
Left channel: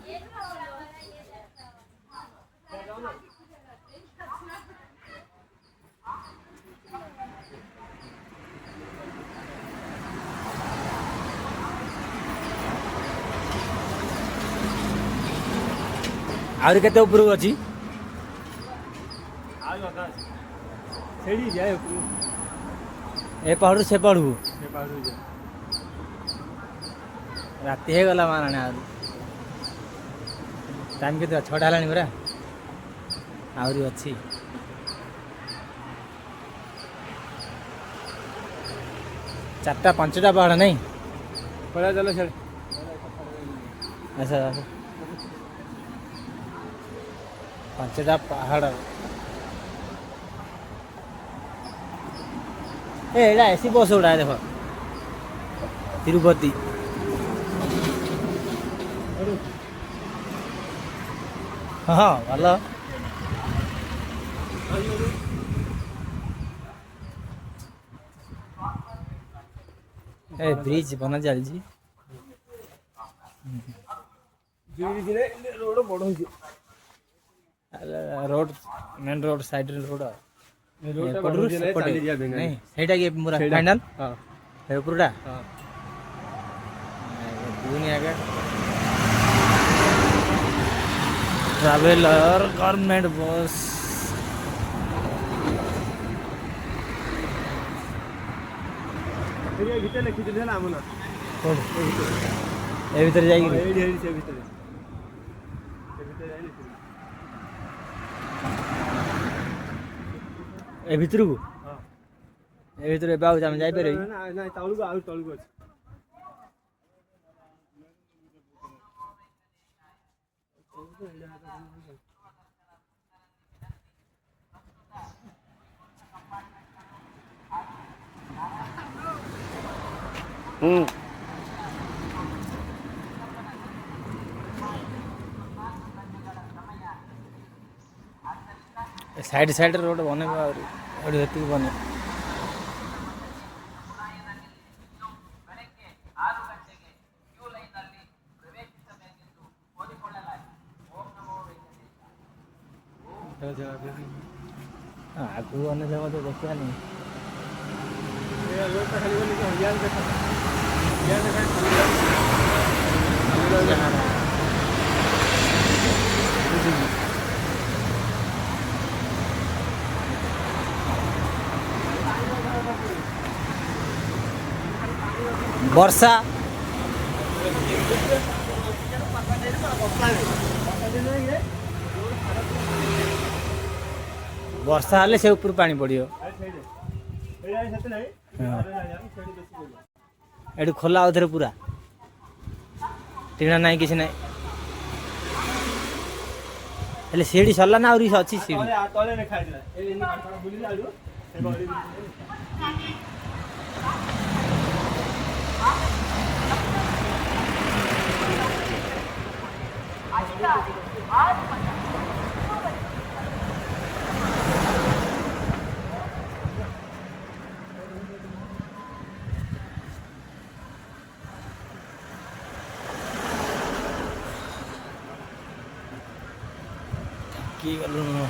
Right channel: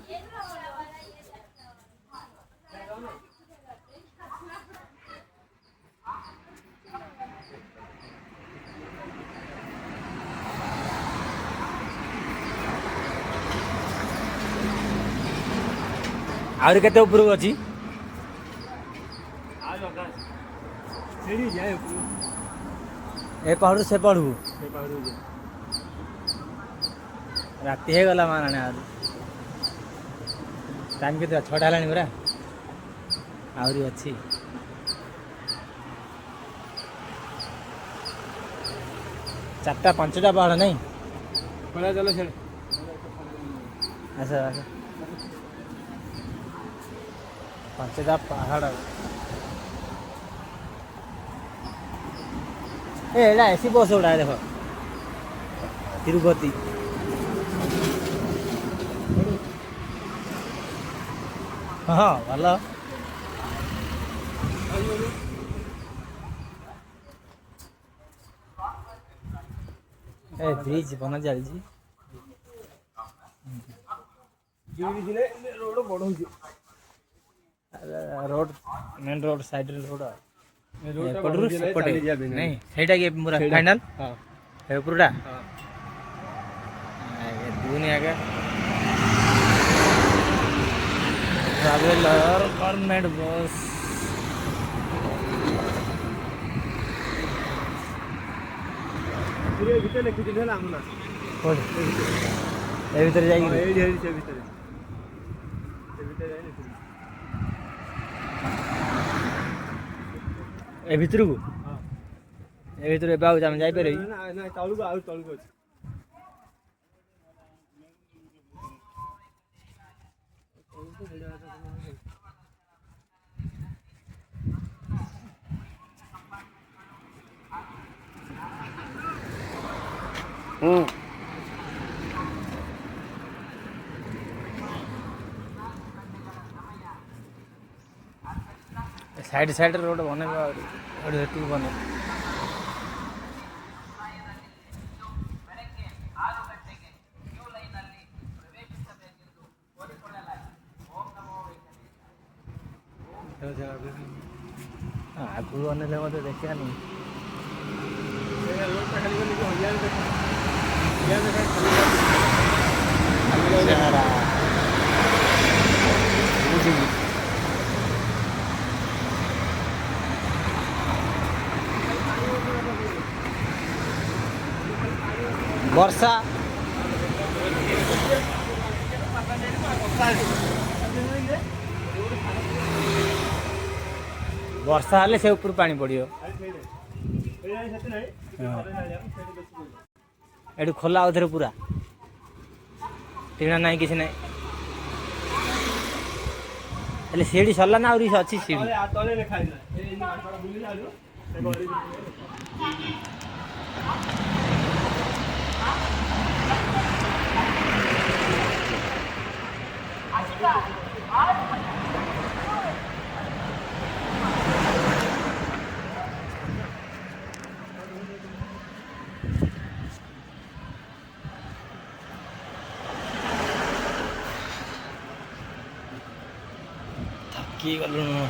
ଆହୁରି କେତେ ଉପରକୁ ଅଛି? ଆଉ ଅଧା ଅଛି। ସେଇଠି ଯାଏ ଉପରକୁ। ଏ ପାହାଡ଼ରୁ ସେ ପାହାଡ଼କୁ ସେ ପାହାଡ଼କୁ ଯାଏ। ରାତି ହେଇଗଲା ମାରାଣୀ। ଆହୁରି ଟାଇମ୍ କେତେ? 6ଟା ହେଲାଣି ପରା। ଆହୁରି ଅଛି। ଚାରିଟା 5ଟା ପାହାଡ଼ ନାଇଁ? ପଳା ଚାଲ ସିଆଡ଼େ। ଆସ ଆସ। 5ଟା ପାହାଡ଼। ଏଇଟା ଏସି ବସ୍ ଗୁଡ଼ା ଦେଖ। ତିରୁପତି। ହଁ ଭଲ। ଏ ବ୍ରିଜ ବନା ଚାଲିଛି। ରୋଡ଼ ବଡ଼ ହେଇଛି। ରୋड ମେନ୍ ରୋड ସାଇଡରେ ରୋଡ଼। ରୋଡ଼ଟା ଏପଟରୁ ବଢ଼ିଛି ନାଇଁ, ସେପଟେ ଚାଲି ଯିବା ପାଇଁ ନାଇଁ? ସେଇଟା କି ପୁରା ସେଇଟା। ଫାଇନାଲ? ହଁ ଏ ଉପରଟା? ହଁ। ଦୁନି ଆଗେ ट्रावेलर गवर्नमेंट बस। ଭିତରେ ଲେଖିଥିଲି ହେଲା ଆମ ନା। କୋଉଠି? ଏ ଭିତରେ। ଏ ଭିତରେ ହଁ ଯାଇକି ଏଇଠି ଏଇଠି ସେ ଭିତରେ। ସେ ଭିତରେ ଯାଇ ଲେଖିଥିଲି। ଏ ଭିତରକୁ? ହଁ। ଏ ଭିତରୁ ଏବେ ଆଉ ଆମେ ଯାଇପାରିବି? ନାଇଁ ତଳକୁ ଆଉ ତଳକୁ ଅଛି। ସାଇଡ୍ ସାଇଡ୍ରେ ରୋଡ଼ ବନେଇବା ଆହୁରି। ଏଠି ହେତିକି ବନେଇବା। ଆଗକୁ ଅନେଇଲେ ମୋତେ ଦେଖିବାନି। ରୋଡ଼ଟା ଖାଲି ଗଲି ଇଆଡ଼େ ଦେଖ। ଇଆଡ଼େ ଦେଖ। ବୁଝିଲି। ବର୍ଷା ବର୍ଷା ହେଲେ ସେ ଉପରୁ ପାଣି ପଡ଼ିବ। ଏଠି ଖୋଲା ଆଉଥରେ ପୁରା ଟିଣ ନାହିଁ କିଛି ନାହିଁ। ହେଲେ ସିଡ଼ି ସରିଲା ନା ଆହୁରି ଅଛି ସିଡ଼ି? ତଳେ ଲେଖା ହେଇଥିଲା। କି ଗଲୁଣୁ?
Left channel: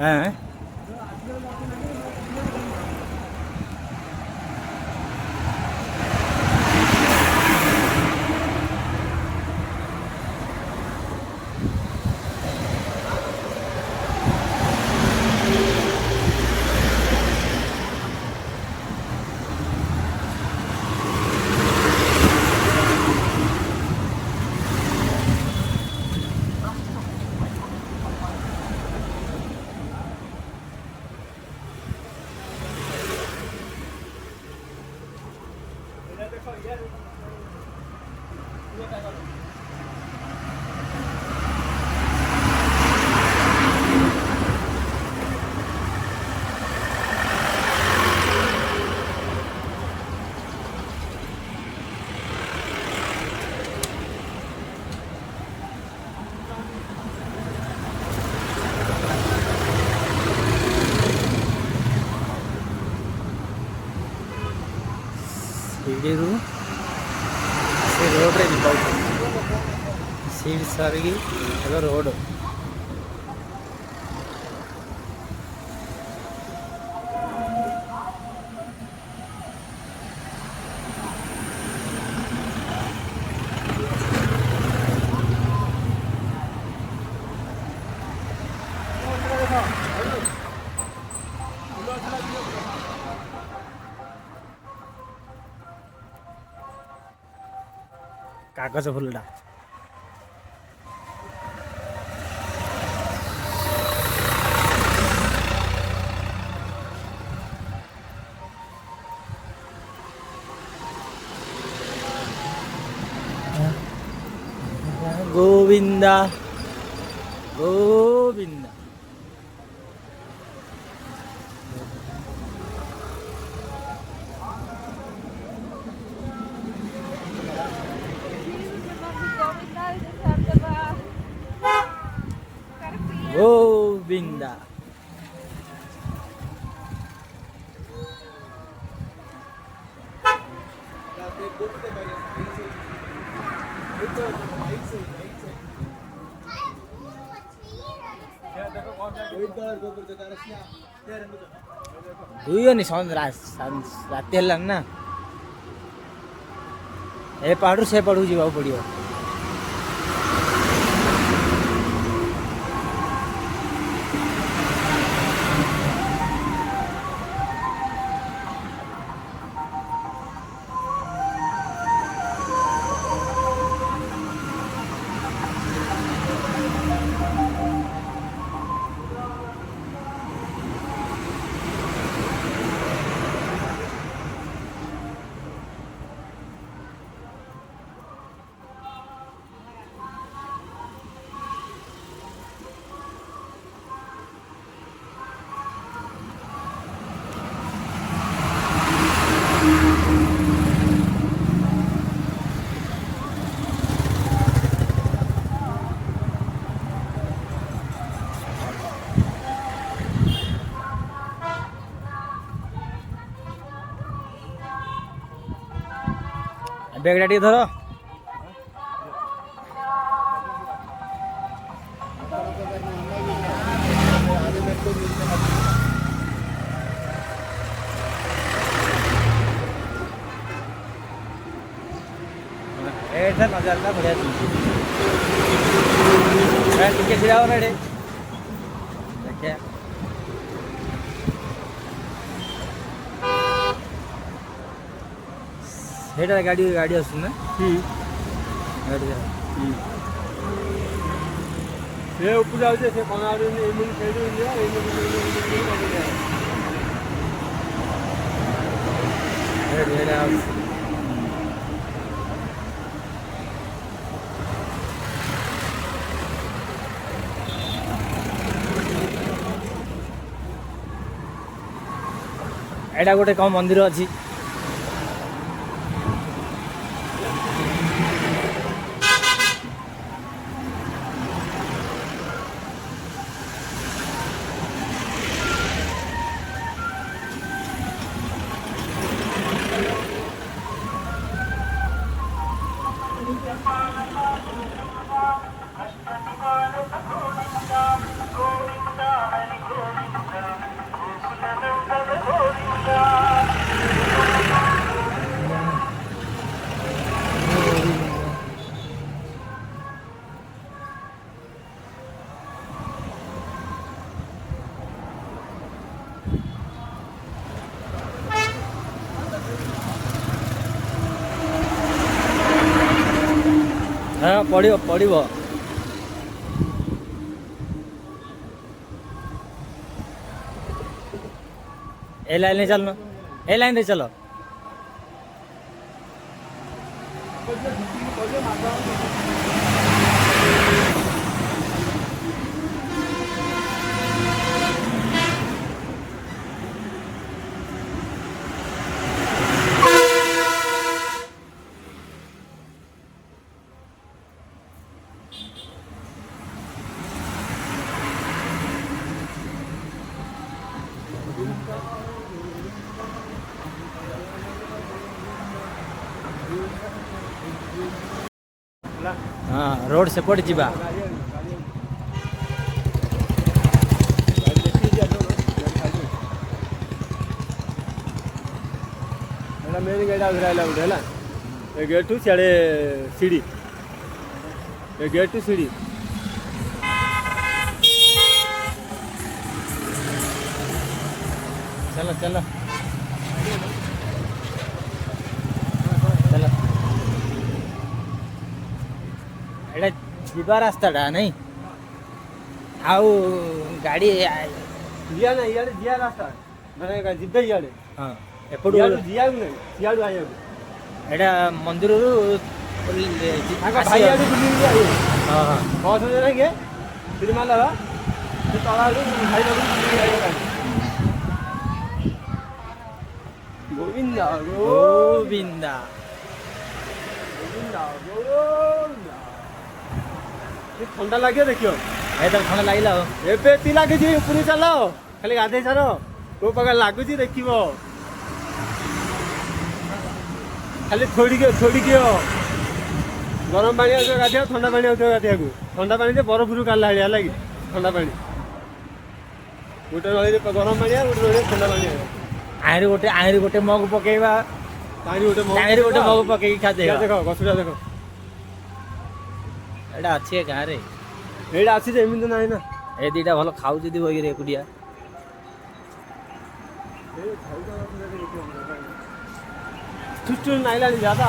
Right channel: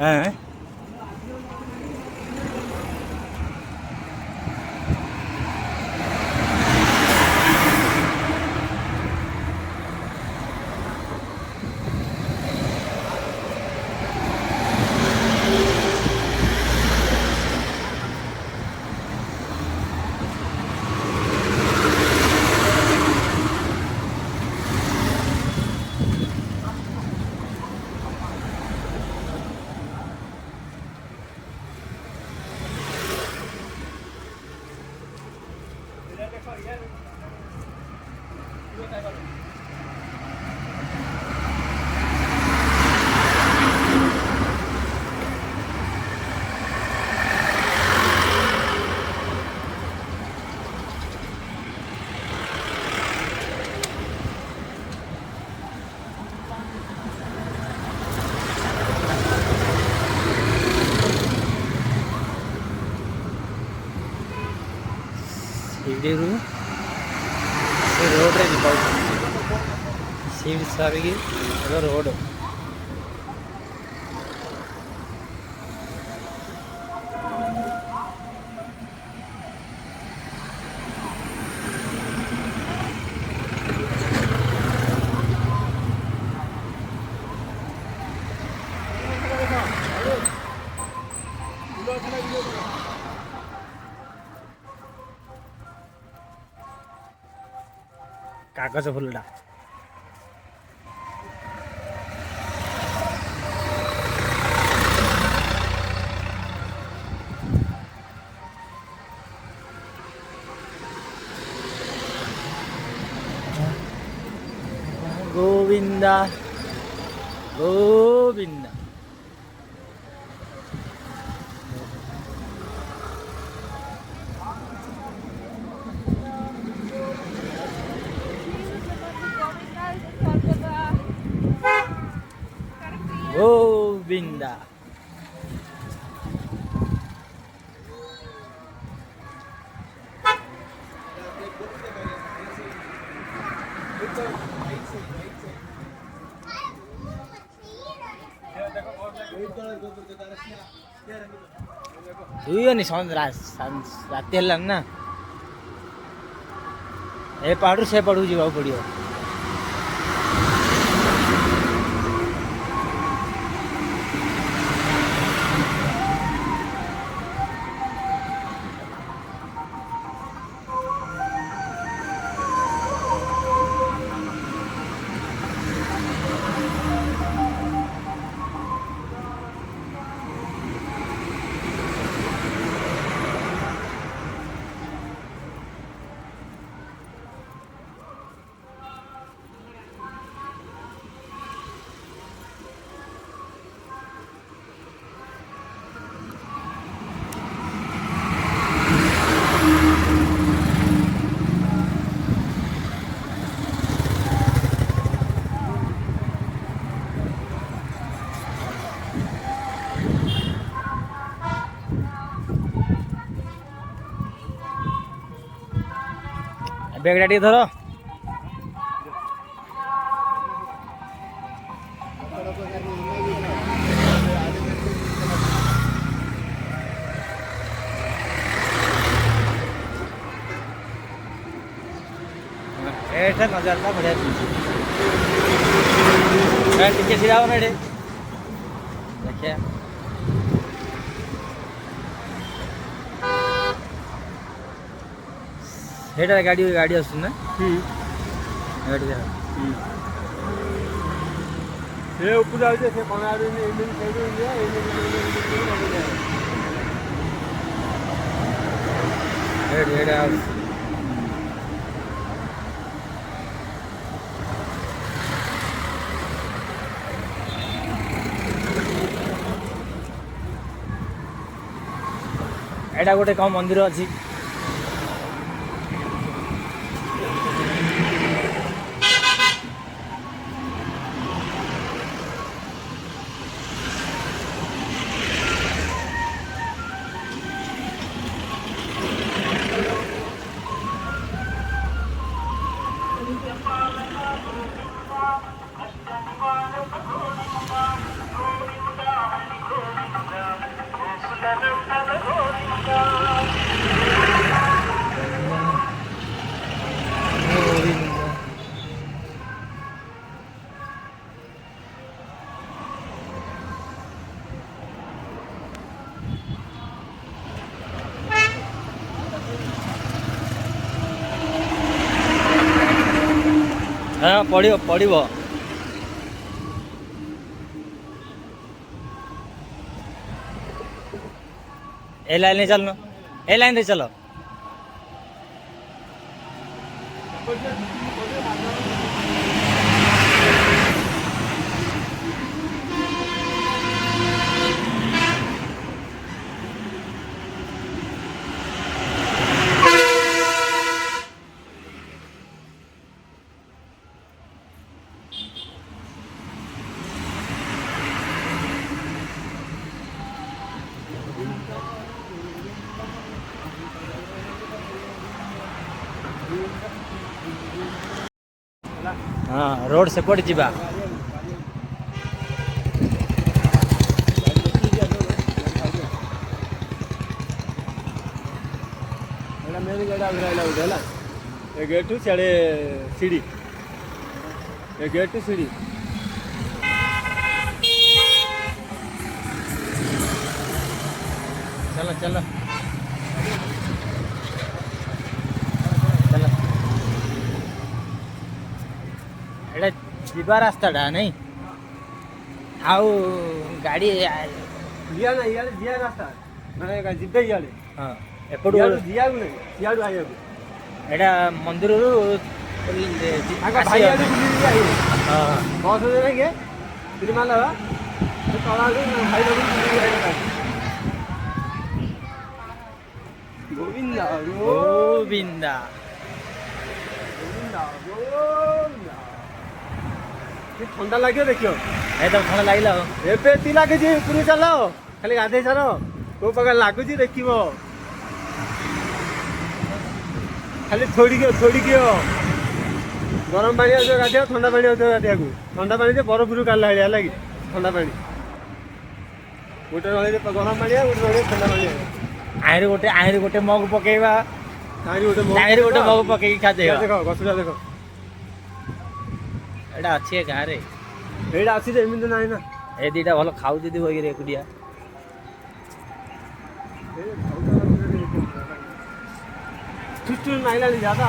ହଁ ଶିଡ଼ିରୁ ସେ ରୋଡ଼ରେ ଯିବାକୁ ସିଡ଼ି ସାରିକି ରୋଡ଼ କାଗଜ ଫୁଲଟା ଗୋବିନ୍ଦା ଗୋବିନ୍ଦା ଗୋବିନ୍ଦା ହୁଇବନି ରାତି ହେଲାଣି ନା ଏ ପାହାଡ଼ରୁ ସେ ପାହାଡ଼କୁ ଯିବାକୁ ପଡ଼ିବ। ব্যাগটা ଟିକେ ଧର ଏଇଟା ନଜାରଟା ବଢ଼ିଆ ଦିଶୁଛି ଟିକେ ଛିଡ଼ା ହବ ନା ଏଠି ଦେଖିଆ ସେଇଟା ଗାଡ଼ି ଆସୁଛି ନା ଗାଡ଼ି ସେ ଉପରୁ ଯାଉଛି ସେ କଣ ଆଡ଼ୁ ଏମିତି ସେଇଠୁ ଇଣ୍ଡିଆ ଏଇଟା ଆସୁଛି ଏଇଟା ଗୋଟେ କଣ ମନ୍ଦିର ଅଛି हाँ पड़ो पड़ो ए लाइन में चलना ए लाइन से चलो हाँ रोड सेपट जीवा मेन गेट आउट रहला उठे ना ए गेट टू चढ़े सीढ़ी ए गेट टू सीढ़ी चलो चलो चलो एटा जीवा रास्ताटा नहीं आउ गाड़ी दिया ना इयाडे दिया रास्ता माने का जिद्दे इयाडे हाँ एपटू इयाडे दिया नहीं इयाडे आयो एटा मंदिर आका भाई इयाडे बुली आयो हाँ बस दे नहीं के तिरुमला रा तो तळा भाई लोग बुली आयो गोविंदा गोविंदा गोविंदा गोविंदा ये ठंडा लाग्यो देखियो एकदम ठंडा लागिला हो ଏବେ ଏତି ଲାଗୁଛି ଉପରକୁ ଚାଲ ଖାଲି ଗାଧେଇ ସାର କୋଉ ପ୍ରକାର ଲାଗୁଛି ଦେଖିବ ଖାଲି ଥୋଡ଼ି ଦିଅ ଗରମ ପାଣି ଆଉଥିବ ଗାଧେଇବ ଥଣ୍ଡା ପାଣି ଆଉଥିବ ଗାଧେଇବାକୁ ଥଣ୍ଡା ପାଣି ଯେ ବରଫରୁ କାଢିଲା ଭଳିଆ ହେଲା କି ଥଣ୍ଡା ପାଣି ଗୋଟେ ରହିଲେ ଗରମ ପାଣି ଆଉ ଗୋଟେ ରହିଲେ ଥଣ୍ଡା ପାଣି ଆହୁରି ଗୋଟେ ମଗ ପକେଇବା ତାହିଁରେ ଗୋଟେ ମଗ ପକେଇକି ଖାଦେଇବା ଦେଖ ଗଛଟା ଦେଖ ଏଇଟା ଅଛି ଏ ଗାଁରେ ଏଇଟା ଅଛି ଯେ ଏମିତି ନାହିଁ ନା ଏ ଦିଟା ଭଲ ଖାଉଛି ଯଦି ବହିରେ ଏକୁଟିଆ ନାଇଲାଣି ଯାଦା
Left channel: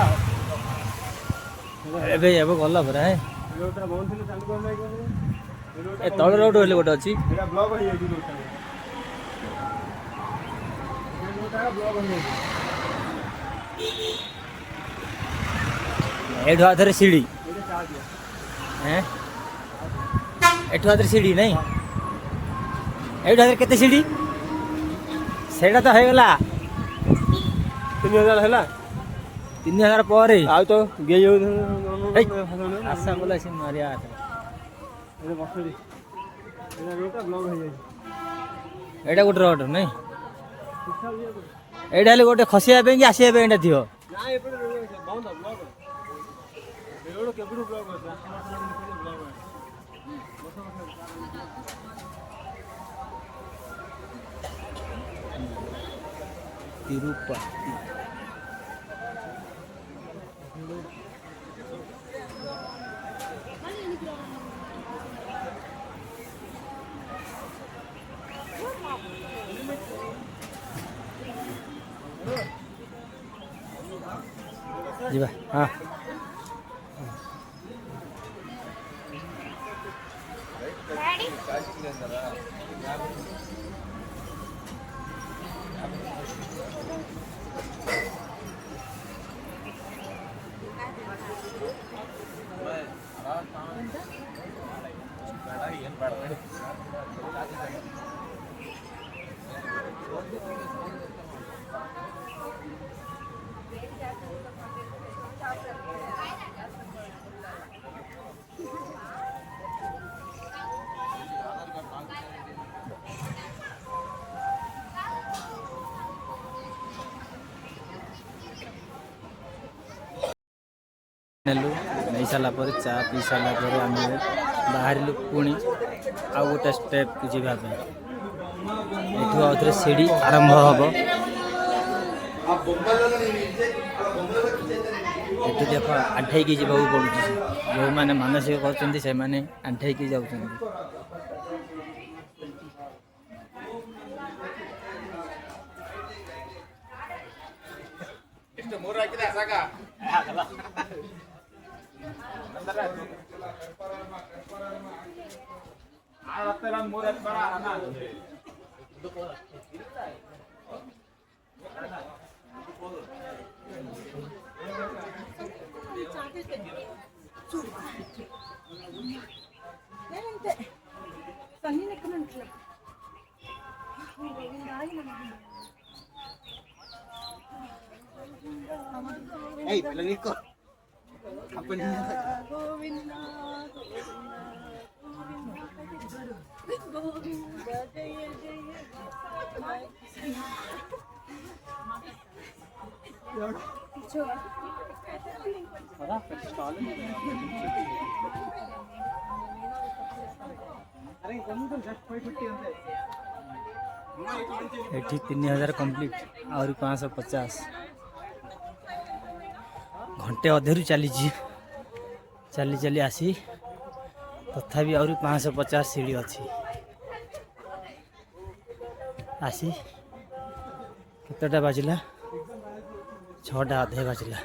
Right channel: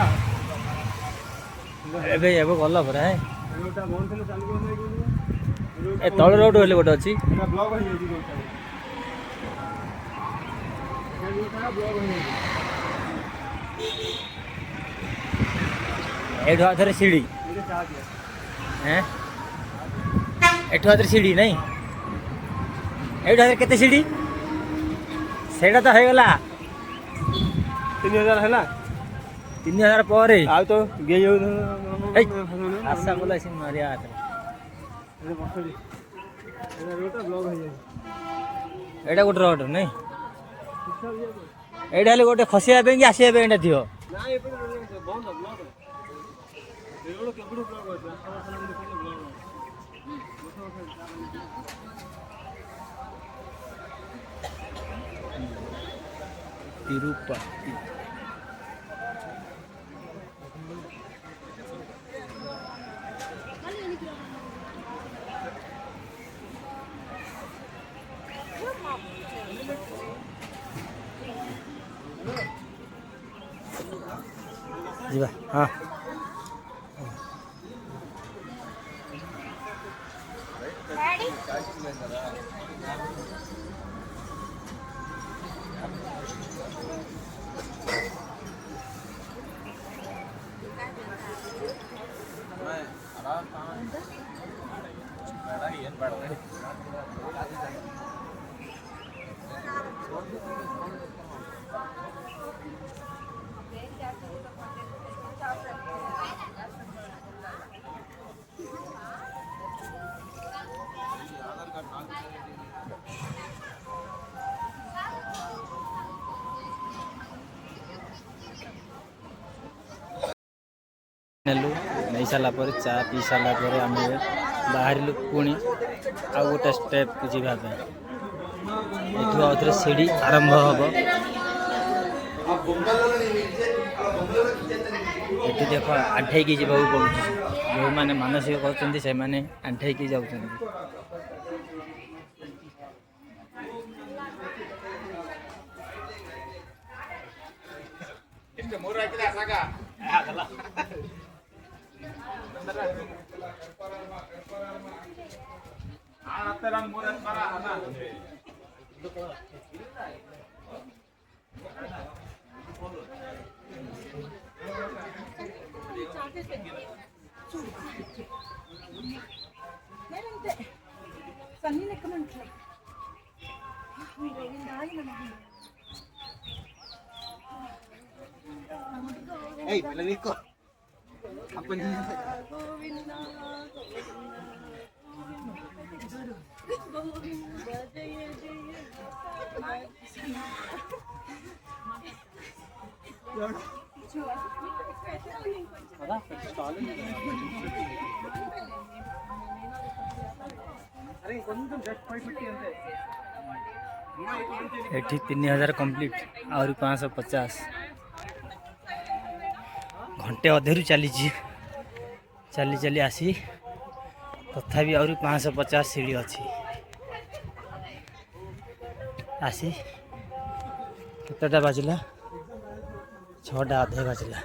ଏବେ ଏବେ ଗଲା ପରା ରୋଡଟା ବନ୍ଦ ଥିଲେ ଚାଲୁ ଏ ତଳ ରୋଡ ହେଲେ ଗୋଟେ ଅଛି ଏଇଟା ବ୍ଲକ ହେଇଯାଇଛି ଏଇଠୁ ଆଥରେ ସିଢି ଏଠୁ ଆଥରେ ସିଢି ନାଇଁ ଏଇଠୁ ଆଥରେ କେତେ ସିଢି ସେଇଟା ତ ହେଇଗଲା 3000 ହେଲା 3000 ପରେ ଆଉ ତ ଗେଇ ଆଶା କଲା ସେ ମାରିଆ ଏଇଟା ଗୋଟେ ରୋଡ ନାଇଁ ଏଇଟା ହେଲେ ଗୋଟେ ଖସିବା ପାଇଁ କି ଆସିବା ପାଇଁ ଏଇଟା ଥିବ तिरुपति ଯିବା ହଁ ନେଲୁ ନେଇ ସାରିଲା ପରେ ଚା ପିଇ ସାରିଲା ପରେ ଆମେ ବାହାରିଲୁ ପୁଣି ଆଉ ଗୋଟେ ଷ୍ଟେପକୁ ଯିବା ପାଇଁ ଏଠୁ ଆଉଥରେ ସିଡ଼ି ଆରମ୍ଭ ହେବ ଏଠି ଦେଖ ଆଣ୍ଠେଇକି ଯିବାକୁ ପଡ଼ୁଛି ଯେଉଁମାନେ ମାନସିକ କରୁଛନ୍ତି ସେମାନେ ଆଣ୍ଠେଇକି ଯାଉଛନ୍ତି సన్నీ లెక్కమంటలే एठी 3000 कंप्लीट आउरी 550 घंटे अधेरु चली चली चली आसी तथापि आउरी 550 सीढ़ी अच्छी आसी केतटा बाजिला 6टा अधे बाजिला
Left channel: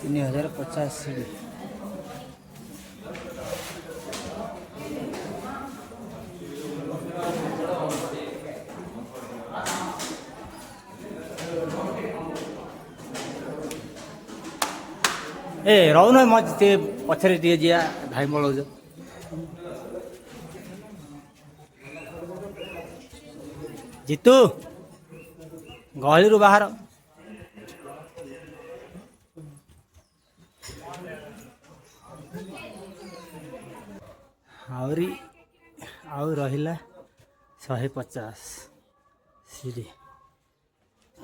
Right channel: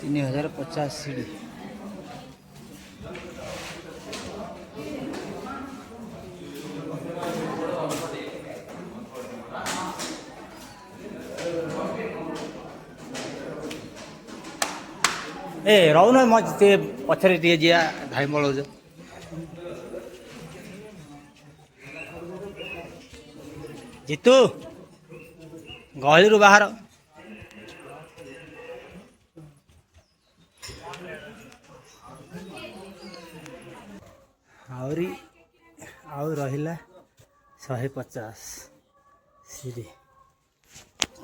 तीन 3050 सीढ़ी ए रहू न म ते पछरे दिए जिया धाई बळौ जीतू गहली बाहर आउरी आउ रहिला 150 सीढ़ी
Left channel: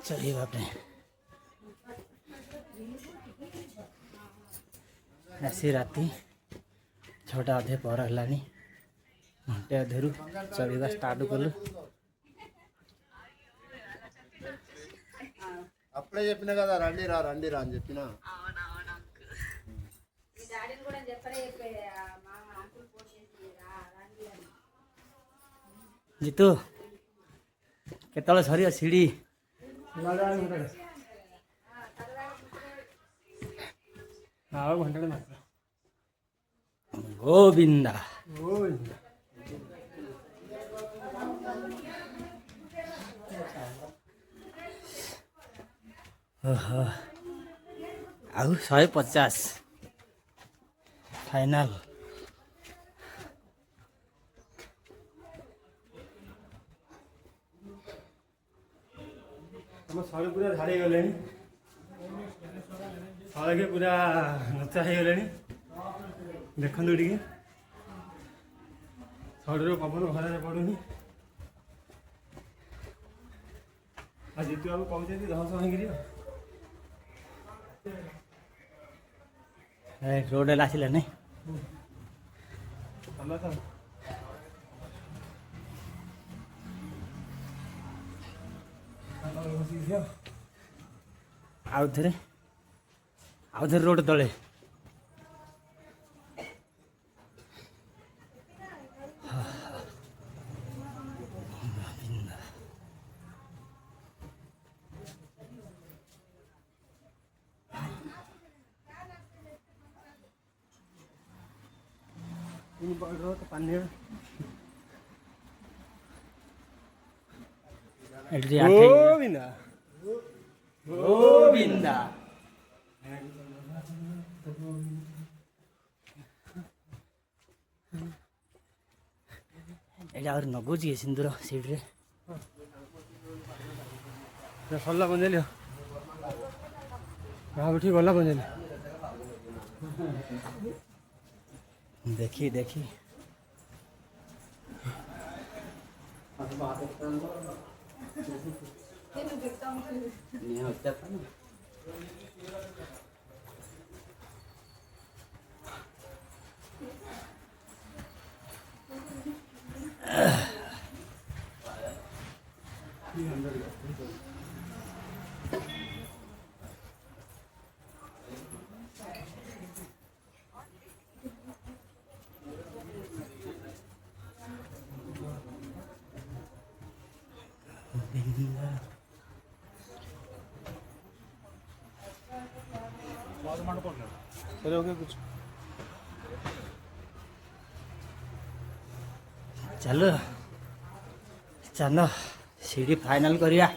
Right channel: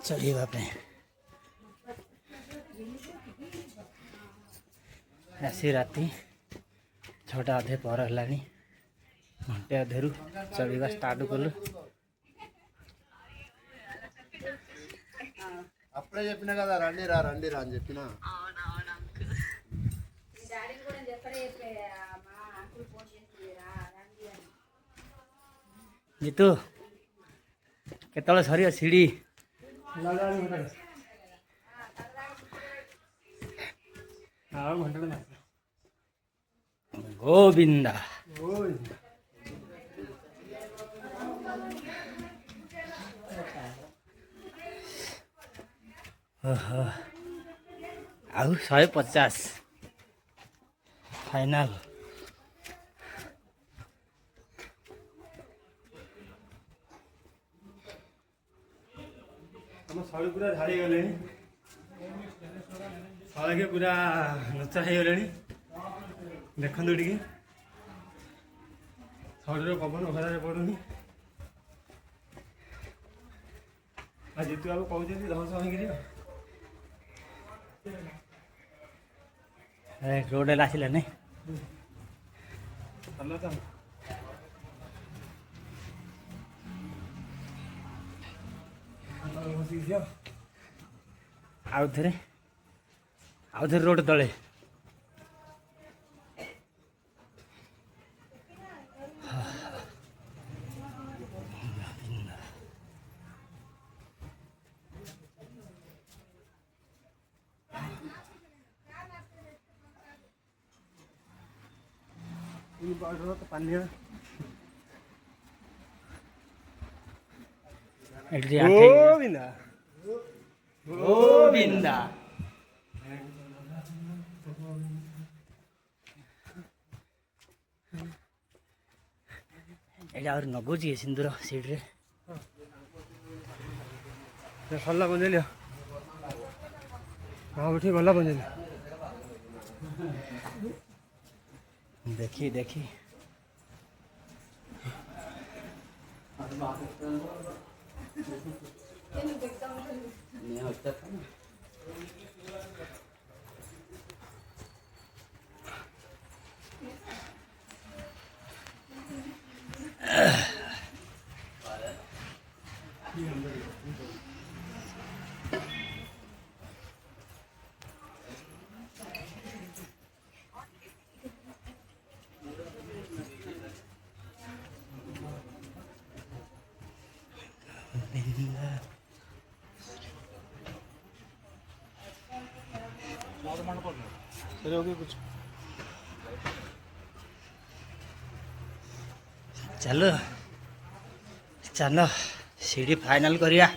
चढ़ा आसी राति 6टा अधे पर है घंटे अधेरु चढ़ा स्टार्ट कलु అప్పుడే చెప్పినా కదా రండి రా అని చెప్పినా जीतू केतले सर सीढ़ी गोविंदा आउ 150 फाइनल ଆମ ଶଳୀ ପୁରା ଝାଡ଼ି ଗଲେଣି ଶଳୀକି ପୁରା ନଚା ହେଇଗଲେଣି ଦେଖନ୍ତୁ ଟିକେ ଶଳୀର ପବନ ଖରାରେ ପଡ଼ୁନି ଆଉ ଜିତୁ ବାବୁ କହୁଛନ୍ତି ଧସ ହେଇକିରି रोड आसला नहीं ଭଲ ତ आउ थे रोड तले तो पानी गोविंदा गोविंदा एटा और नगुची सिंदूर सीट रे सरला बंजेली वहाँ बैठी गला बंजेली देखी देखी करोगे कुछ चलो चलो सीढ़ी फाइनल करिया।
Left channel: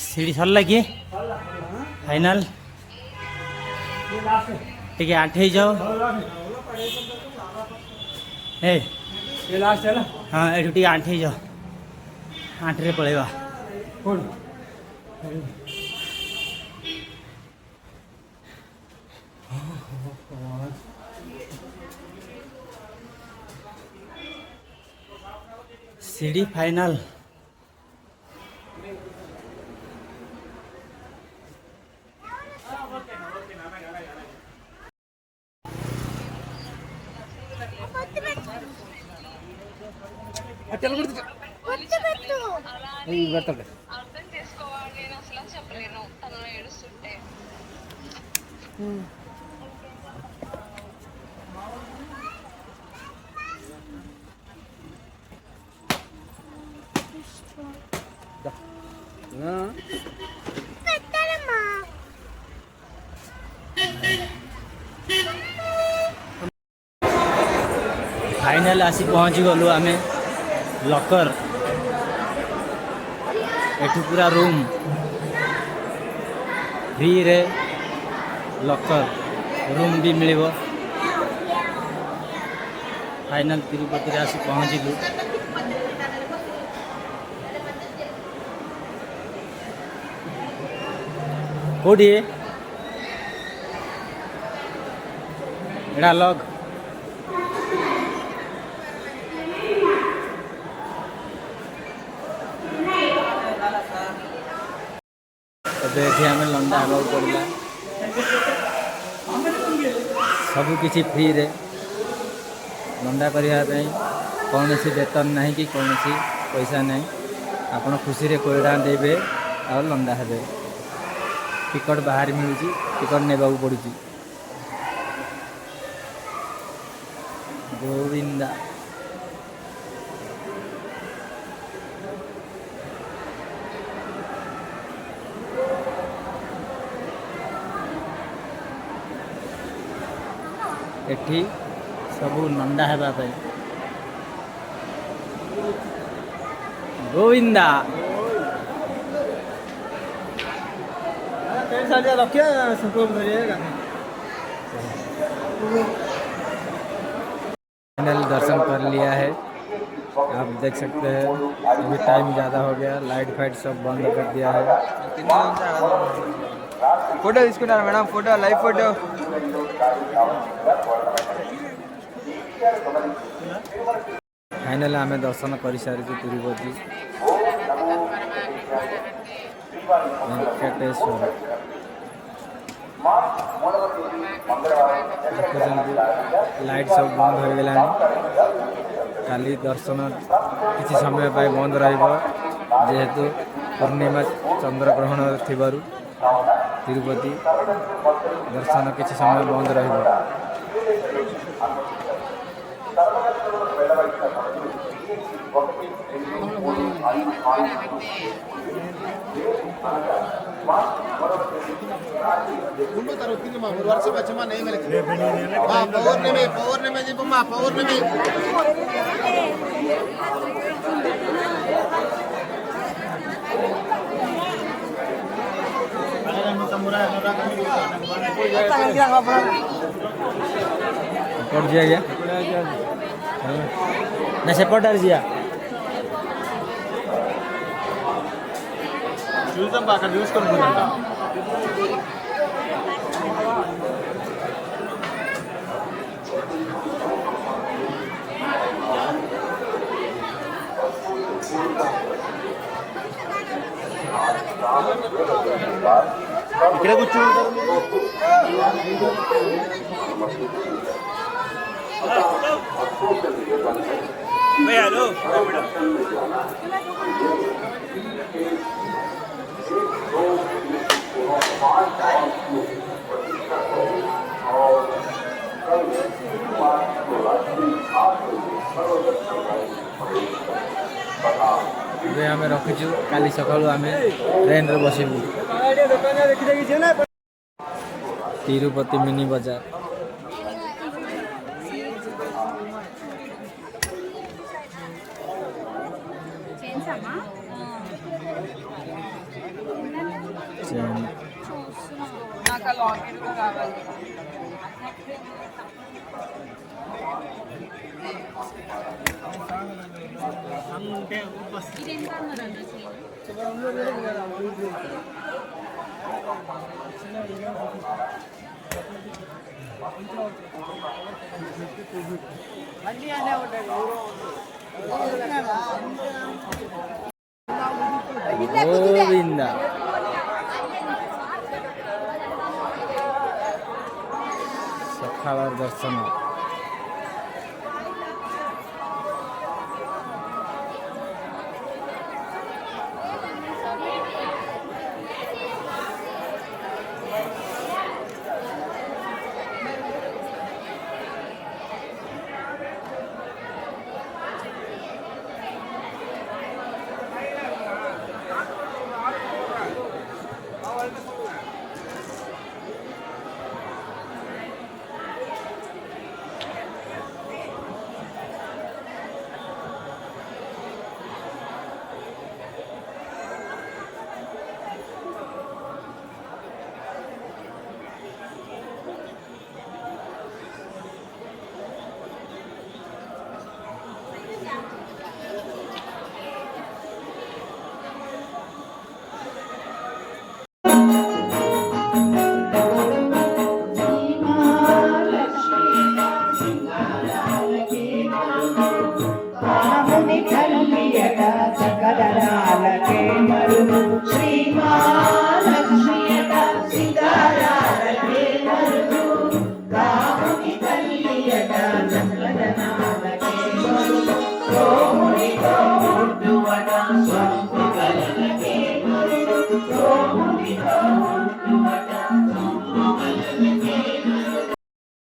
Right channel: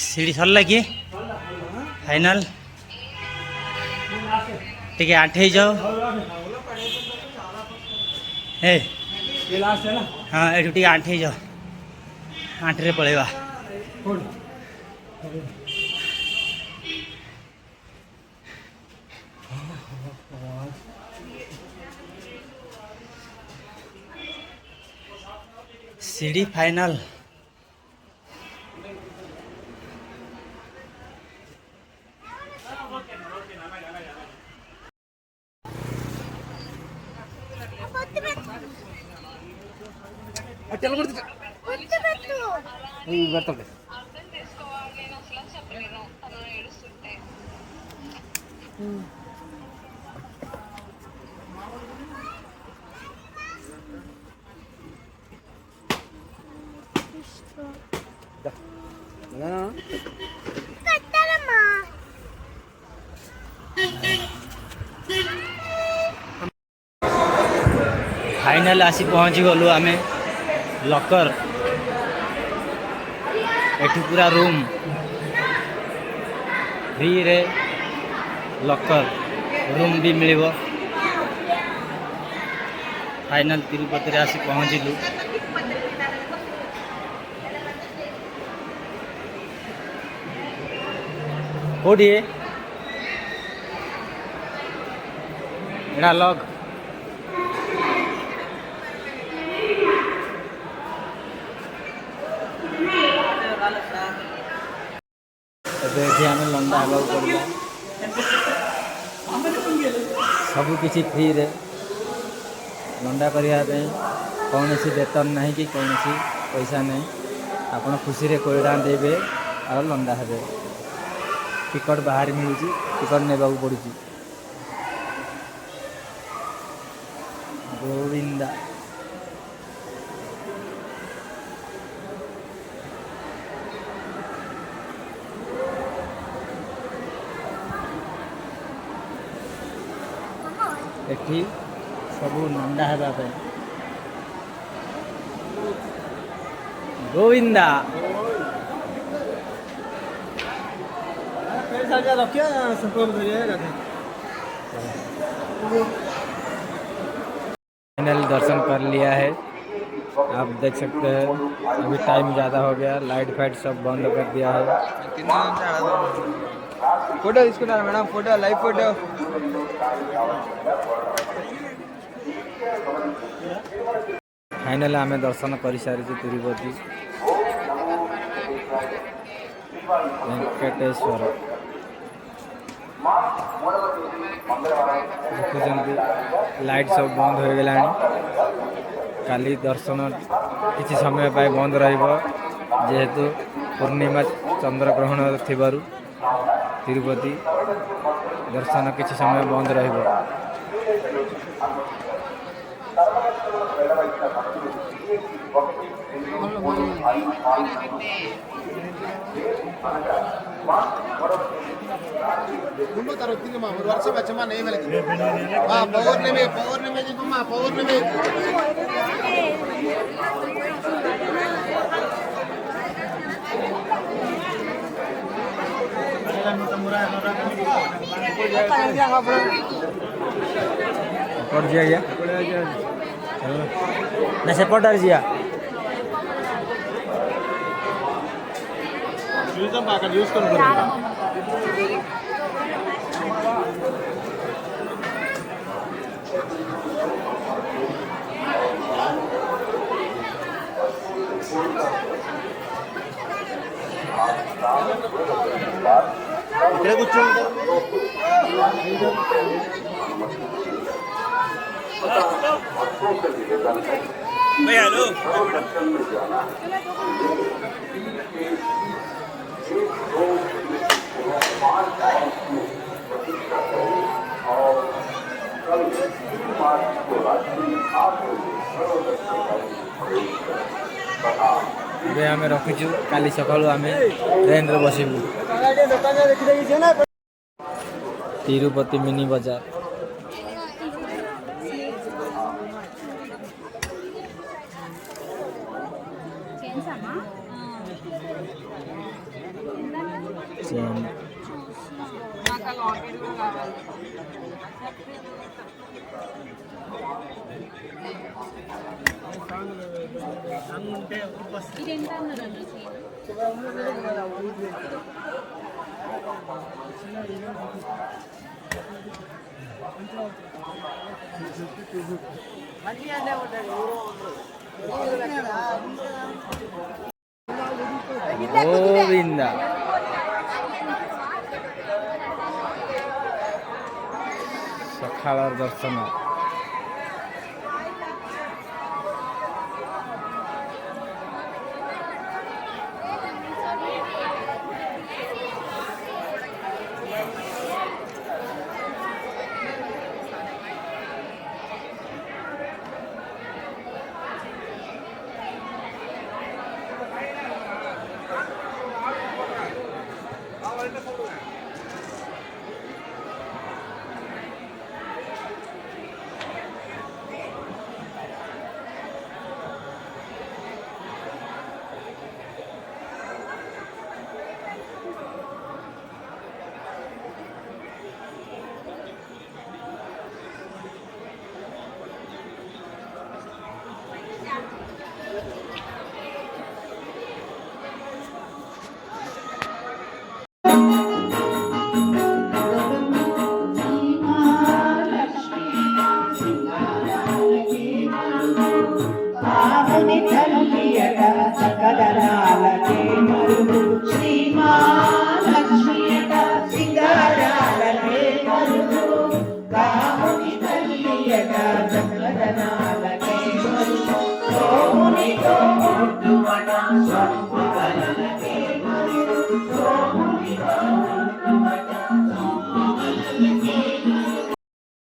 सीढ़ी सरला कि फाइनल टिके आठे जाओ ए ये लास्ट है ना हाँ ये टिके आठे जाओ आठरे पड़ेगा कौन सीढ़ी फाइनल चल करते बರ್ತದೆ అర్థం చేసుకోవాలి నేను అసలు చెప్పలేను తను ఏడుస్తుంటే फाइनल आसी पहुँची गलु आमे लकर एठी पूरा रूम फ्री रे लकर रूम भी मिलिबो। फाइनल तिरुपति रे आसी पहुँचलु। कोडी एडा लग देखिए आम लंडा हवा पड़ा सबकि फ्री रे लंडा करने कौन सी वेतन नहीं कि कौन सी पैसा नहीं आपण खुशी रे कोड़ा देवे और लंडा हे टिकट बाहर मिलूँ टिकट ने पड़ू गोविंदा एठी सबू नंदा हेबा गोविंदा रखिए फाइनल दर्शन कर लिया है। आप देख सकते हैं अभी टाइम ज़्यादा हो गया, लाइट फाइट सब बंद कर दिया है। फोटो इसके madam photo live photo final आम दर्शन कर सारी तिरुपति वेंकटेश्वर देखुं लाइट सब बंद हो गला। काली दर्शन किसी समय बंद जेहेतु पूर्णिमा चंद्रग्रहण थिबारु तिरुपति दर्शन किसी समय बंद रहिबो। पड़ जिया ना से पड़ जिया यूज कर इकडे कुछ ଏବେ ଆମେ ରଖିଛୁ କାଲି ସକାଳୁ ଆମେ ଟ୍ରେନରେ ବସିବୁ। ତିରୁପତି ମିନି ବଜାର। ట్రైన్ నాకు ఆ లాకెట్ కూడా కావాలి. గోవింద ସକାଳର ଦର୍ଶନ।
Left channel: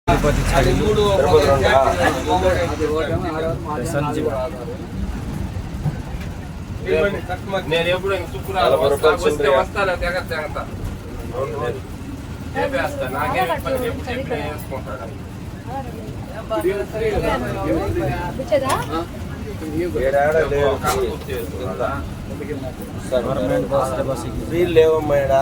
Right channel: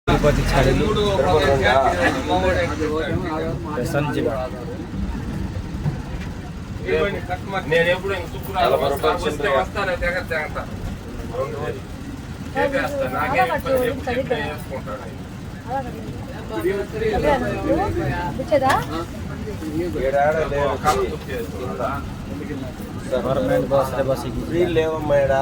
తిరుపతి ଛାଡ଼ିଲୁ ଷ୍ଟେସନ୍ ଯିବା। నేను ఎప్పుడు వస్తాను తెగ ଗଭର୍ଣ୍ଣମେଣ୍ଟ ବସ୍ରେ ବସିକି లేవమ్మా ఈడ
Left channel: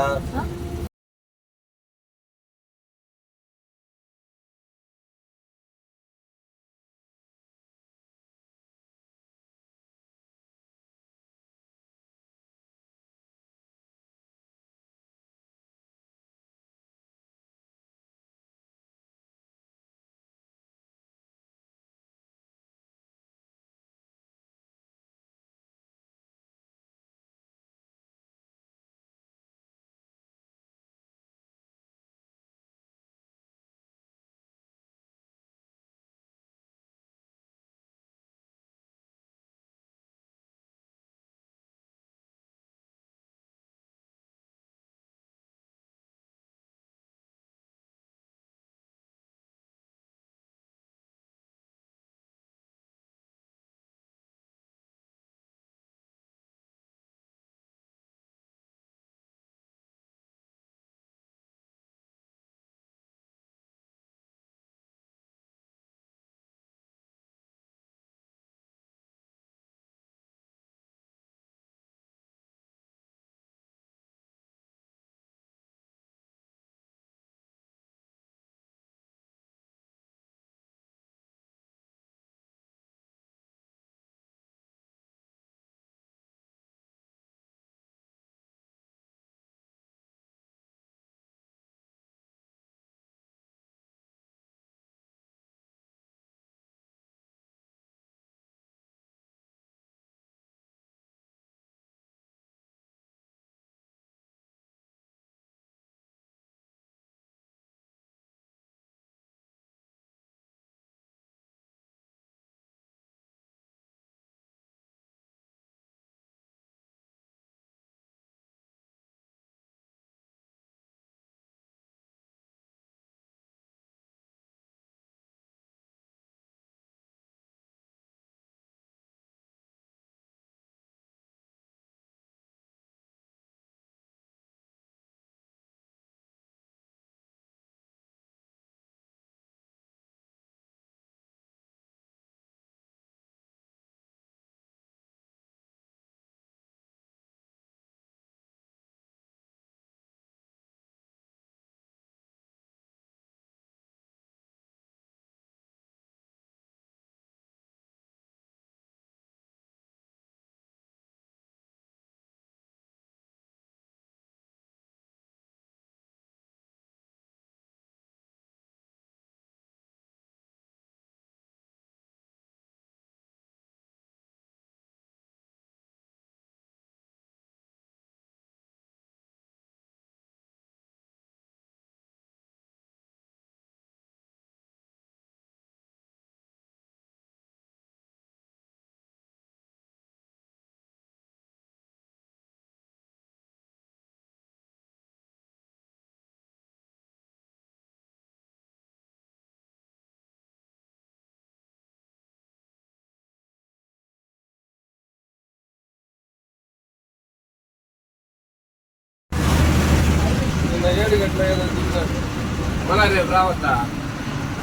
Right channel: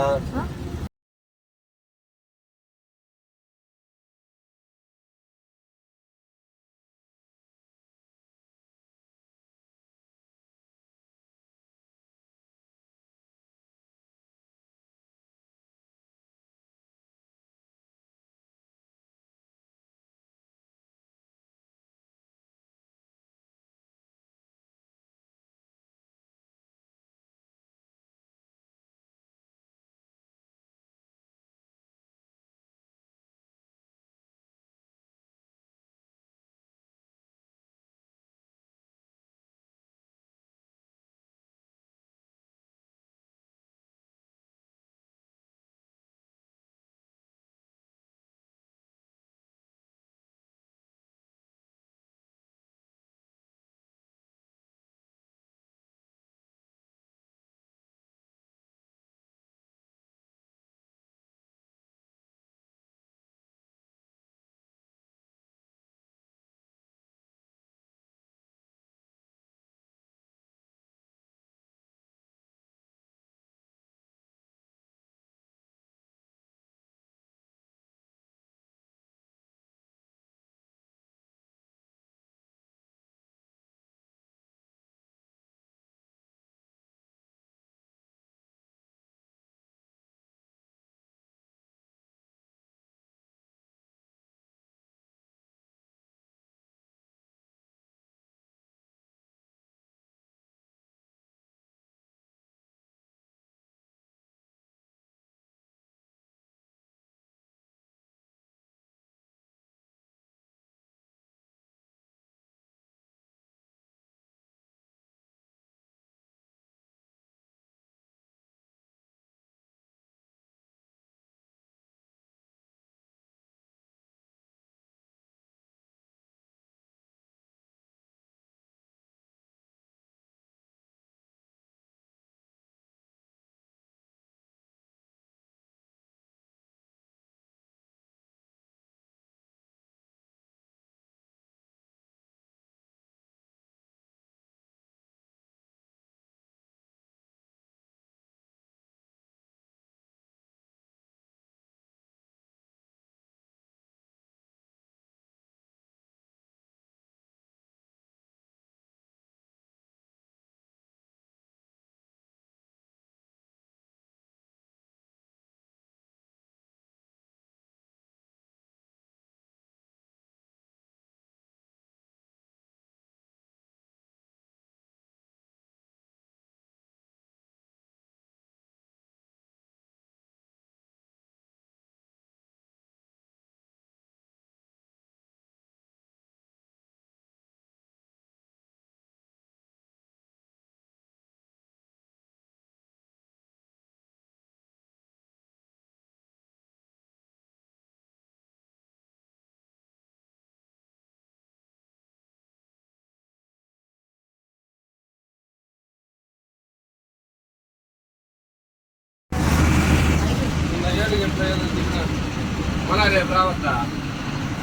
मला रे रावता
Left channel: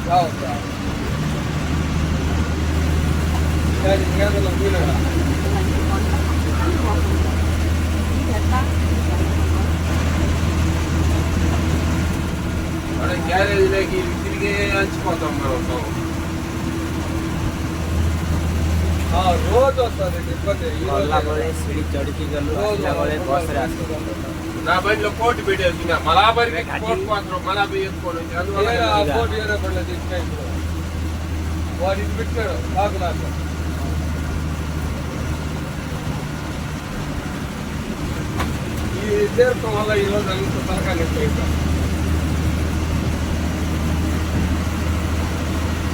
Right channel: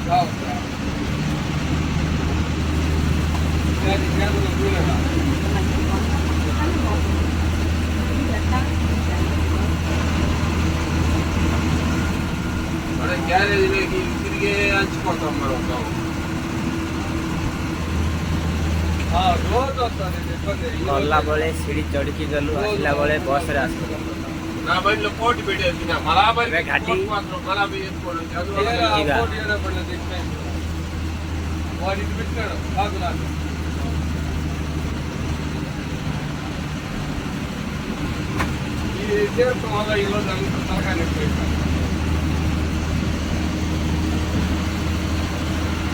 रावता మన గ్యారేజ్లోకి తిరిగే అంచిపోతాం మనం రోజు వస్తుంది ଗଲା ବେଳେ ସିଡ଼ି ଚଢ଼ିକି ଗଲୁ ଆସିଲା ବେଳେ ବସ୍ରେ ଆସିଲୁ నా బండిలో కోటి పెట్టేస్తున్నా మలాబరి గడ్డి. మలాబరి వేసుకోవడం వాడు ఇది పెట్టాడు కాదు నాకు ఈ చేరుకోవడం వల్ల ఈరోజు ఇంత త్వరగా అయిపోయింది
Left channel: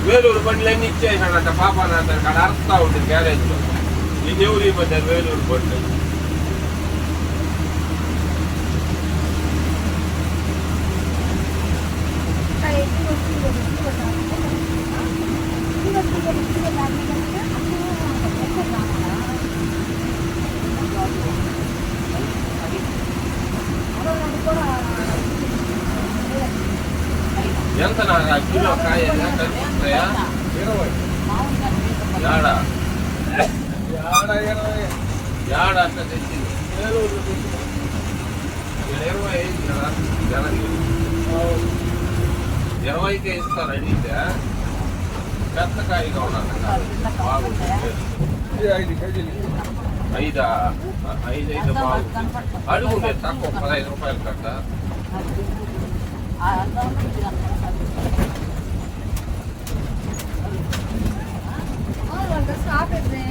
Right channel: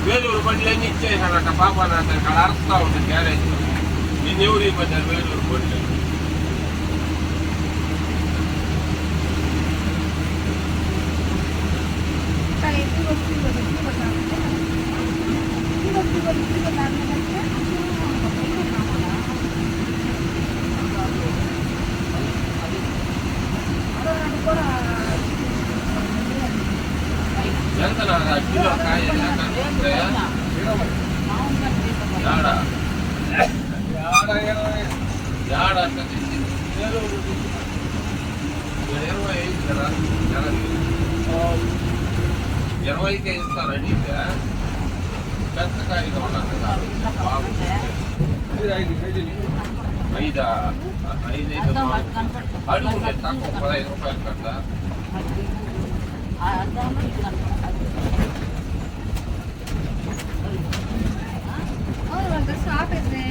వేలూరు బండ్లన్నీ ఇచ్చేసాడంట పాపాన అక్కడ అరుస్తా ఉంటుంది గ్యారేజ్ ఇది ఎవరు ఇవ్వద్దారు వేలూరు బండ్లు ఎంత నా కిలో కాయ ఎంత వస్తాయా? యాడ యాడ అట్లా తెచ్చింది 25 కదా 20కే ఇస్తారండి పెద్ద కాయ కావాలి ఐదా 5 అడుగు తక్కువ 15 రూపాయలు కట్ట ఆపేది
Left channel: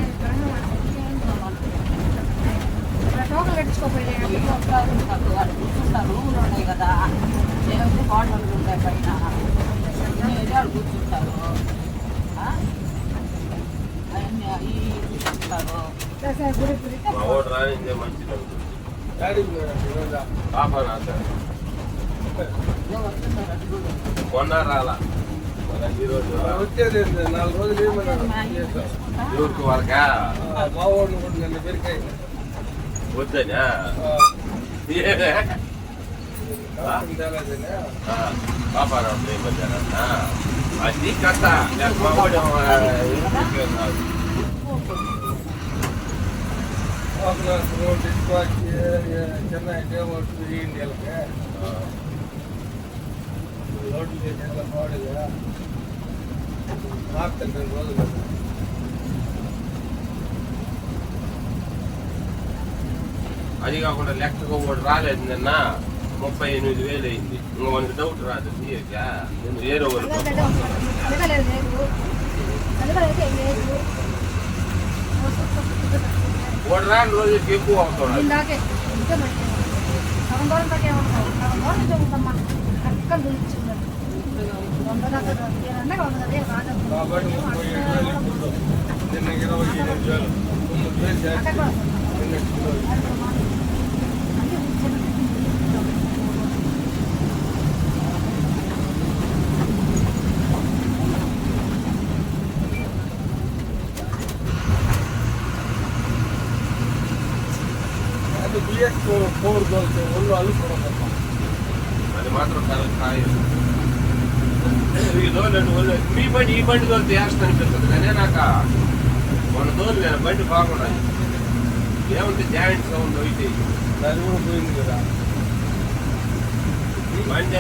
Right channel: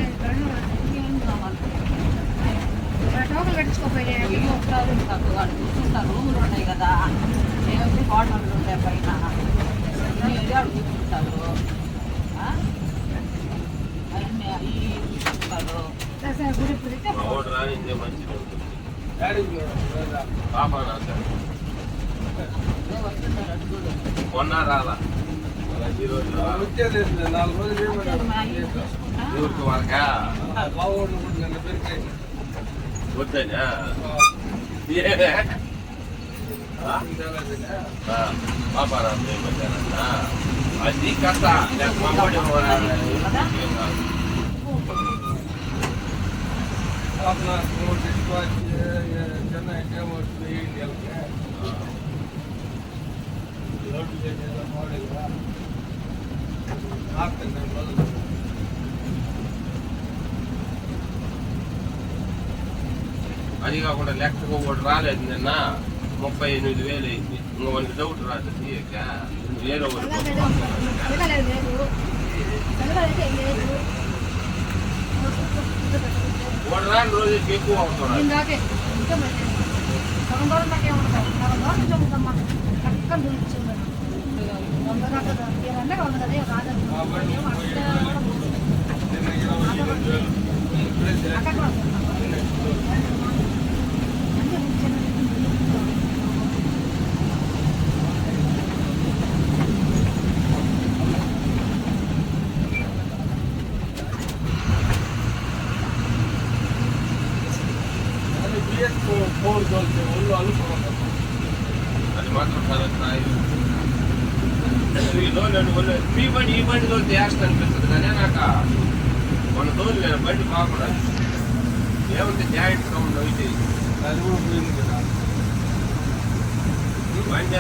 టోకన్ కట్టించుకోపోయినా రూములు ఉన్నాయి కదా ఏమైతే హోటళ్ళు ఉంటాయి పైన కూర్చుంటారు అవన్నీ కూర్చుంటారు గుడి పుడితే రానిదే మంచిది ఉంటుంది పాపనా సార్ కొన్న రాలా ఈరోజు వచ్చేది 4 రోజులు ఊరికి వాళ్ళకా బావోళ్ళు కూడా నిన్న పెరికాయి వద్దనా పాపారా అది కథ రోడ్ తీసుకొచ్చి చెన్నై రోడ్డు పాడేగా రాత్రి 2 రోజులు అది కాకుండా లెక్కగా కూడా రాలేదు నిన్న 38,000 అయింది ఇంకా మనకి డౌట్ రాదు ఏ రోజు ఒకటి రాని రోజుకి ఎక్కువ అవుతున్నాడు నిన్న 25,000 4 దొరికితే ఒళ్ళు అలుసుకోవడం అది మాత్రం మీ బండి ఈ బండి తోలితే యాక్షన్ అనిపిస్తుంది కానీ నాకు మన తోలు నేను బండి బాగుండా ఏమంటే జాయింట్ సౌండ్ అయితే అది కూడా పోయింది కదా బండి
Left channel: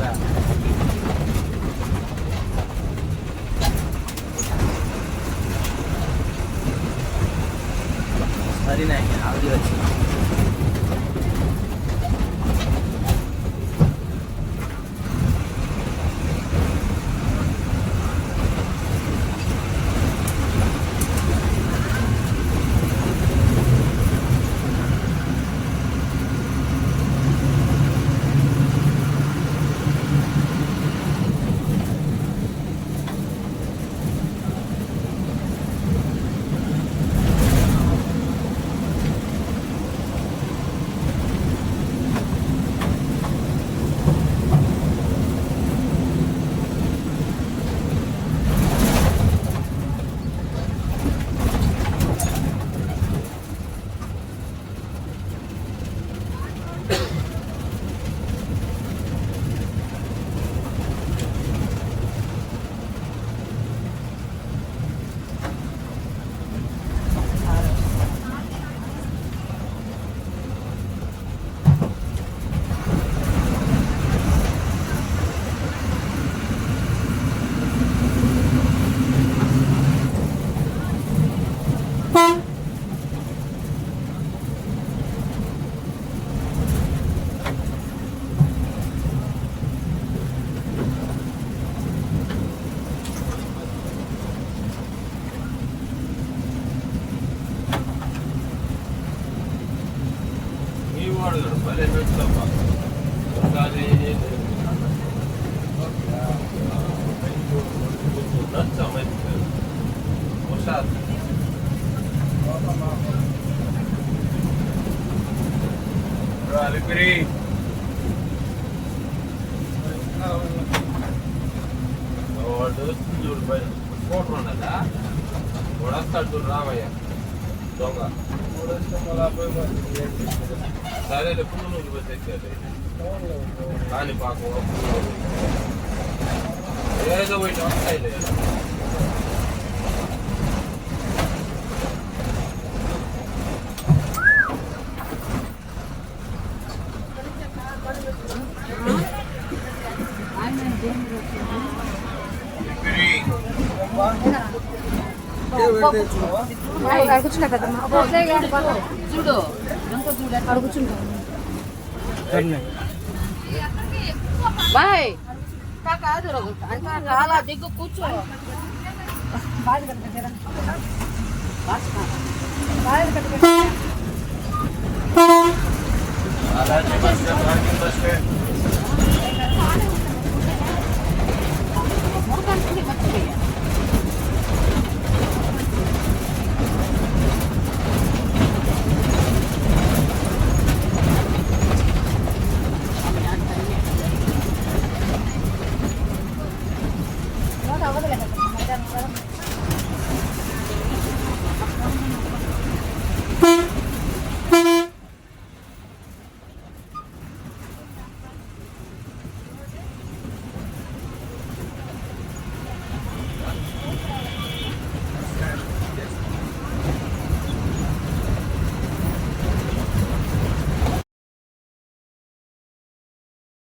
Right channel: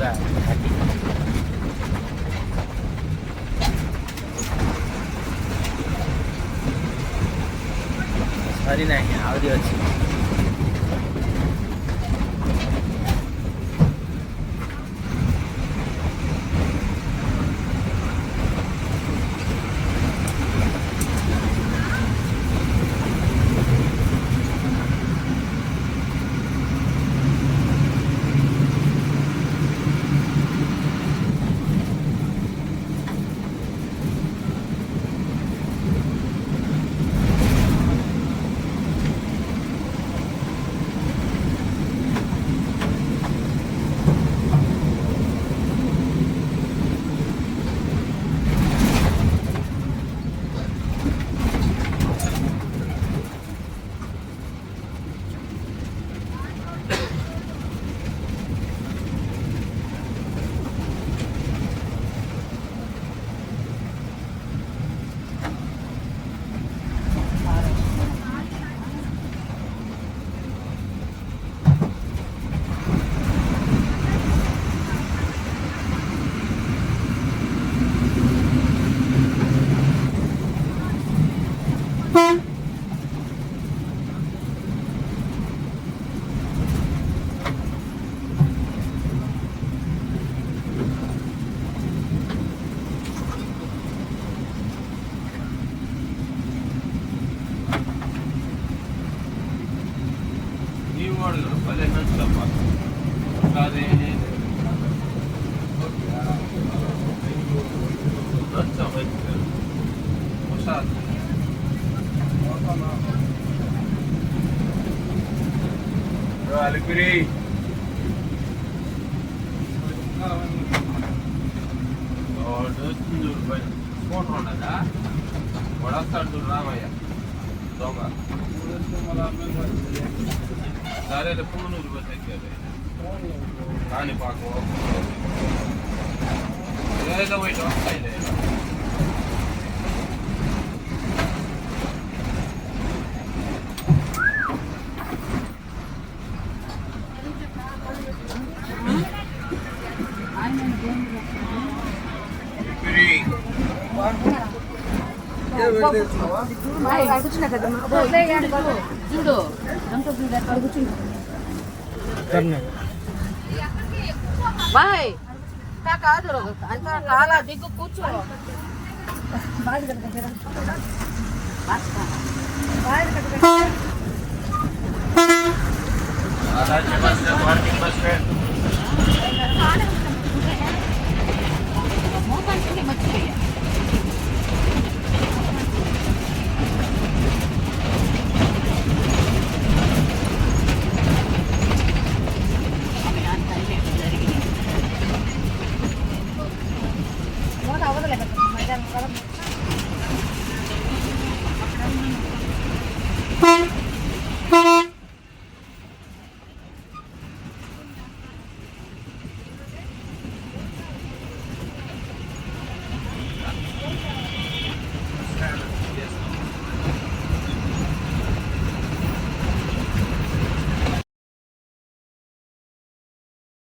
ଯିବା ଘାଟି। ସରି ନାହିଁ, ଆହୁରି ଅଛି। Alegria. చూడు బయట స్కూటర్ ఉండదా వస్తాడు చూడు రామయ్య దొంగ సరే ఎప్పుడు నువ్వు తెచ్చాడు కానీ పాపం ఏదో పోయి వస్తాయి చూడు కూర్చుండు బాయ్ కాదు అంతా కాలా దిగ్గు కూర్చో బస్